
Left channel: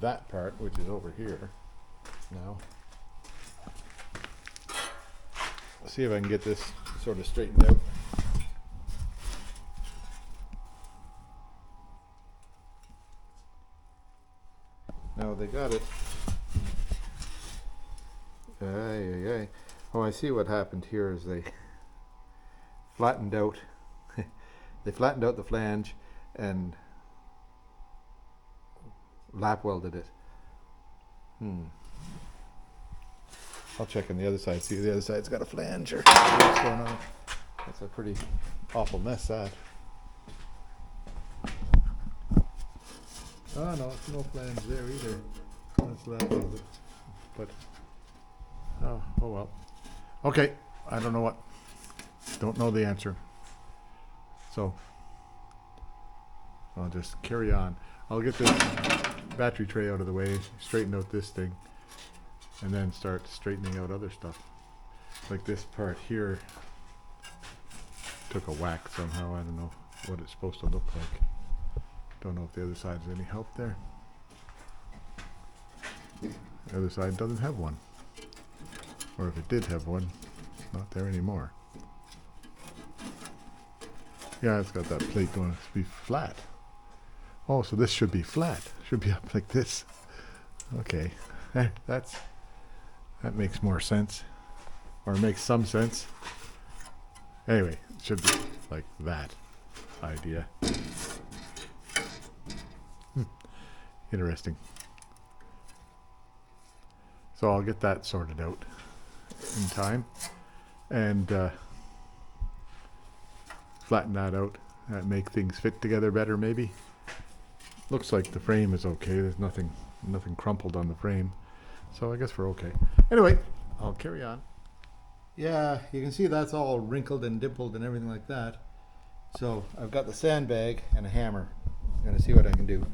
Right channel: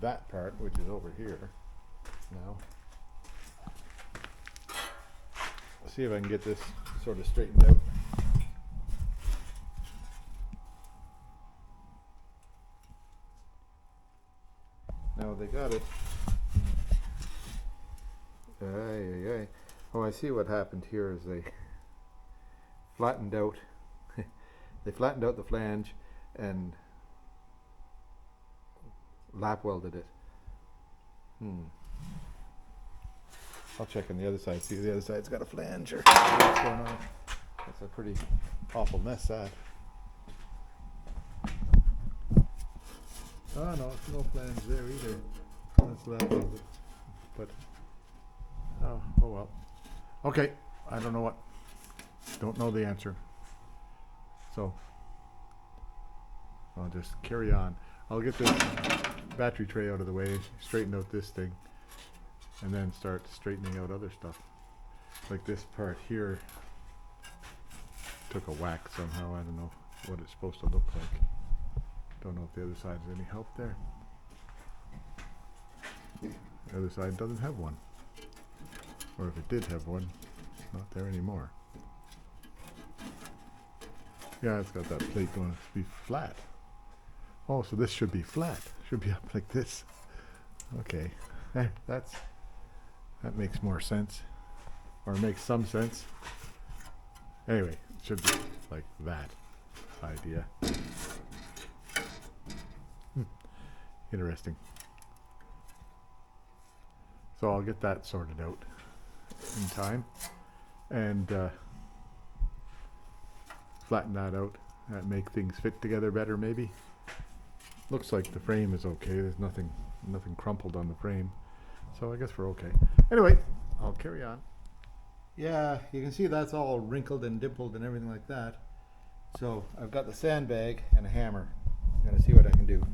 that part, which is over here. Now, let's see if I can get this sort of straightened out. Now they got it. Oh, I see what happened here is they flattened out. They flattened out the flange and lap welded it. I'll check on the other side. See if the other side's got a flange or what's going on. That's a pretty awful mess, that. Oh no, it's no flange there either. That's lap welded. But oh well. Okay, I don't know don't know the answer. So I'll just carry on. I'll get this battery tray out of the way, straighten out this thing, and then start straightening out other stuff. Like this part here took a whack somehow. I don't know what it's supposed to look like. Don't know if the other side has any help there. The other side doesn't have one. Or if it did have one, it's not there anymore. Yeah, it's got that plate going to be flat. Oh, so this should be flat. Should be up like this. Okay, that makes more sense, or makes some sense. Anyway, it should be like that idea. interesting. So I'll get that sorted out in time and flatten that out, make things fit together better maybe. Looks like the frame is okay. There's nothing crumpled on the frame. So I guess we're okay. Anyway, I'll carry on. Yeah, you can see that's all wrinkled and dimpled and everything like that. So I've got the sandbag and a hammer. I'm going to see what I can do.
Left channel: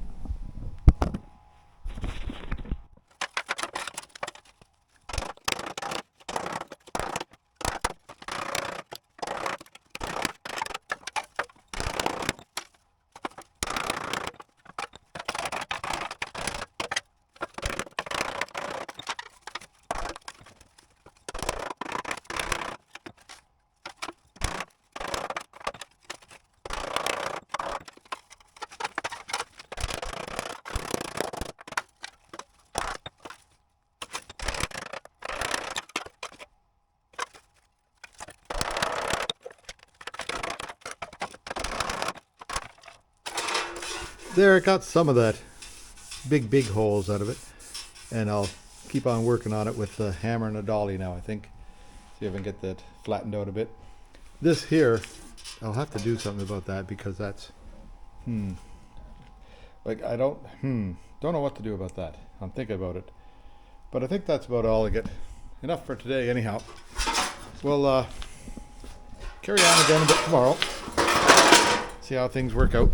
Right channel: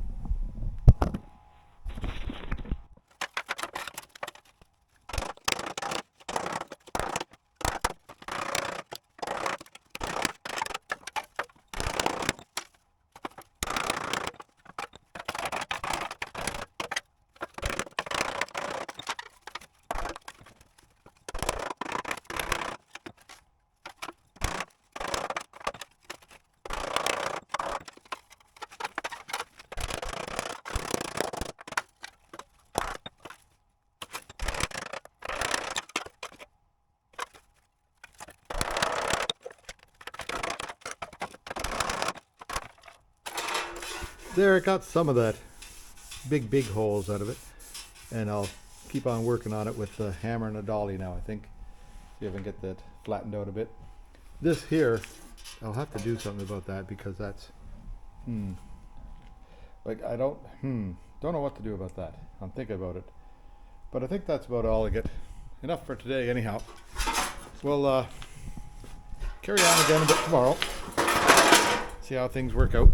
There, it got some of that big holes out of it, and I'll keep on working on it with the hammer and a dolly now, I think. See if I can get that flattened out a bit. This here, I'll have to do something about that because that's like I don't know what to do about that. I'm thinking about it, but I think that's about all I get. Enough for today anyhow. We'll carry on again a bit tomorrow, see how things work out.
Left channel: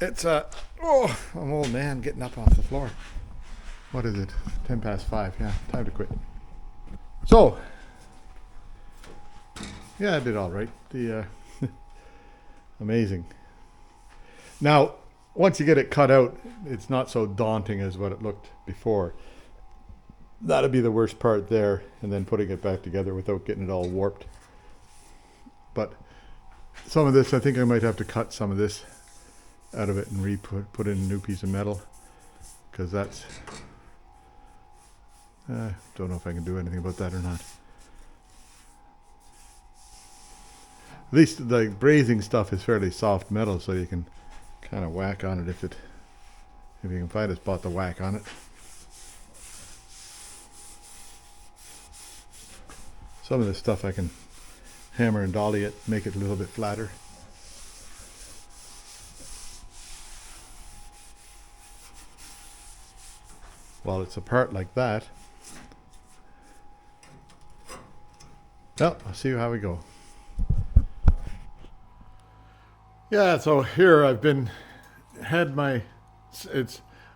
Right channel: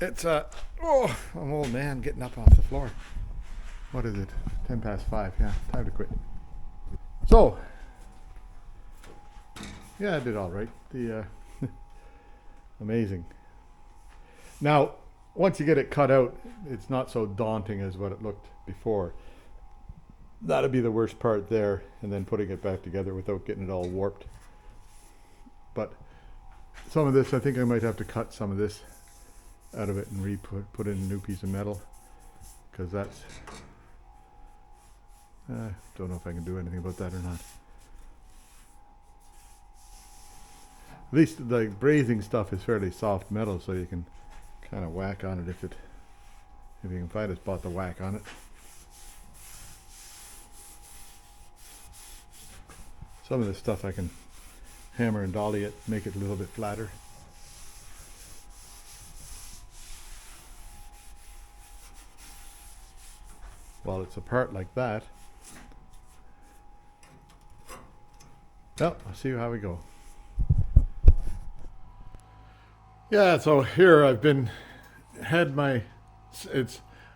It's oh, I'm old man getting up off the floor. What is it? 10 past 5. Yeah, time to quit. So, yeah, I did all right. The amazing. Now, once you get it cut out, it's not so daunting as what it looked before. That'd be the worst part there, and then putting it back together without getting it all warped. But some of this, I think I might have to cut some of this out of it and put in a new piece of metal, because that's don't know if I can do anything about that or not. At least the brazing stuff is fairly soft metal, so you can kind of whack on it if you can find a spot to whack on it. Some of this stuff I can hammer and dolly it, make it a little bit flatter. While it's apart like that, well, I'll see how we go. Yeah, so here I've had my,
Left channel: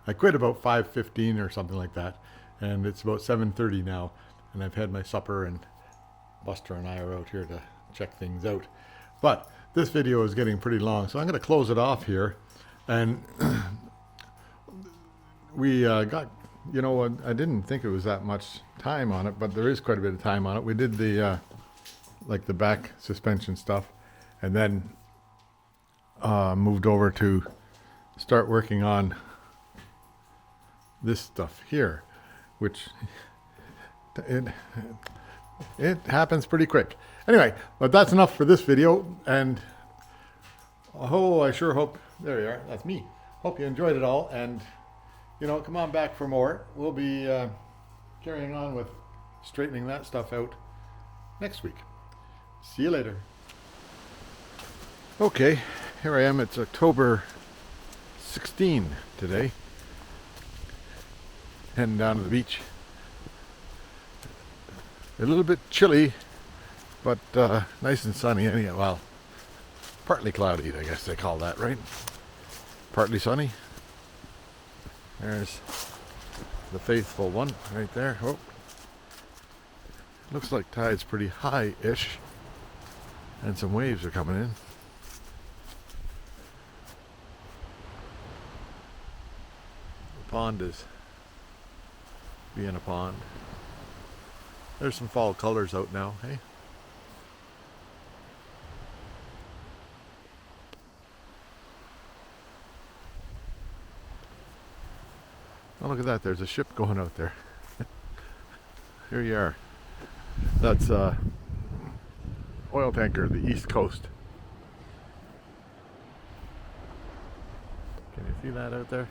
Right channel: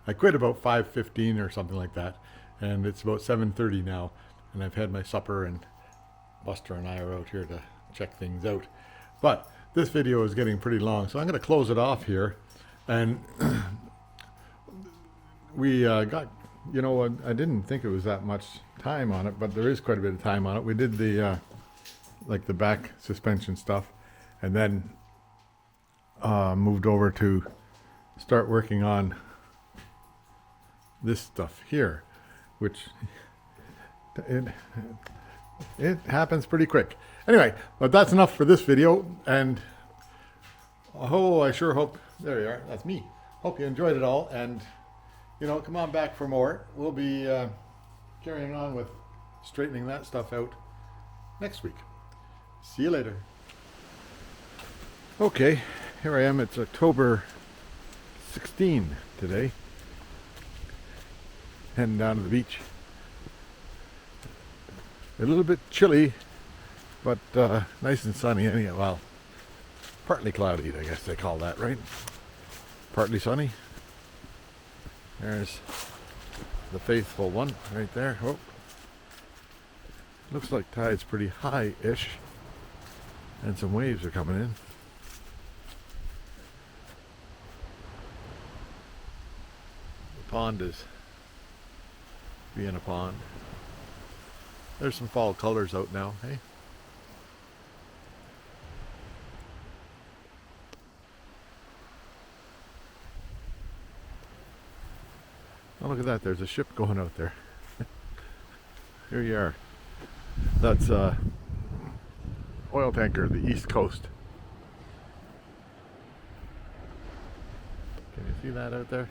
I quit about 5:15 or something like that, and it's about 7:30 now, and I've had my supper, and Buster and I are out here to check things out. But this video is getting pretty long, so I'm going to close it off here, and we got, you know, I didn't think it was that much time on it, but there is quite a bit of time on it. We did the like the back suspension stuff, and then moved over to start working on this stuff here, which it happens pretty quick. Anyway, but that's enough for this video, and I sure hope, there you are, that's me. Hope you enjoyed it all, and you know, come on back for more. We'll be carrying on with straightening that stuff out next week. See you later. Okay, here I am. It's October 16 today. Heading down to the beach. A little bit chilly, but nice and sunny anyhow. Well, partly cloudy, I guess they call that, right? Partly sunny. There's the faithful one right there. Oh, looks like tide's pretty high-ish, and some waves are coming in. The pond is being a pond. There's some fall colors out now, hey? Oh, look at that, there's a ship going out there. Here you are. That's oil tanker, the East Coast. Can you see that out there?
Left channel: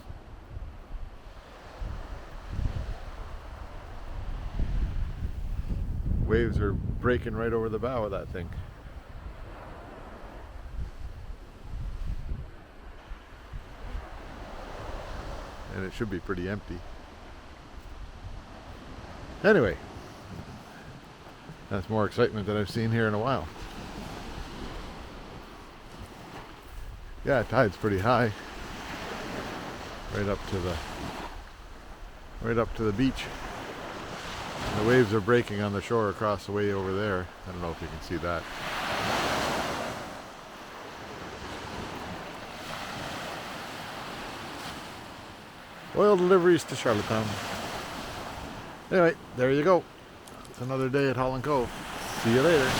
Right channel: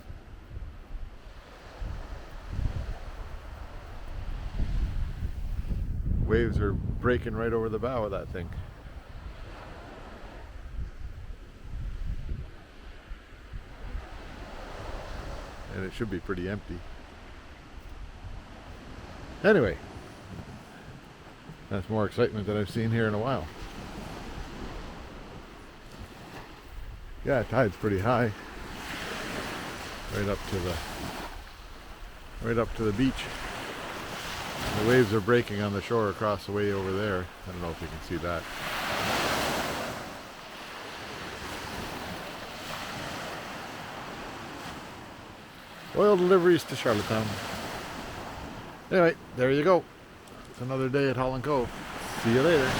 Waves are breaking right over the bow of that thing. And it should be pretty empty. Anyway, that's more excitement than I've seen here in a while. Yeah, tide's pretty high. Right up to the beach. The waves are breaking on the shore across the way over there. I don't know if you can see that. Oil deliveries to Charlottetown. Anyway, there you go. It's another day at Holland Cove. See you later.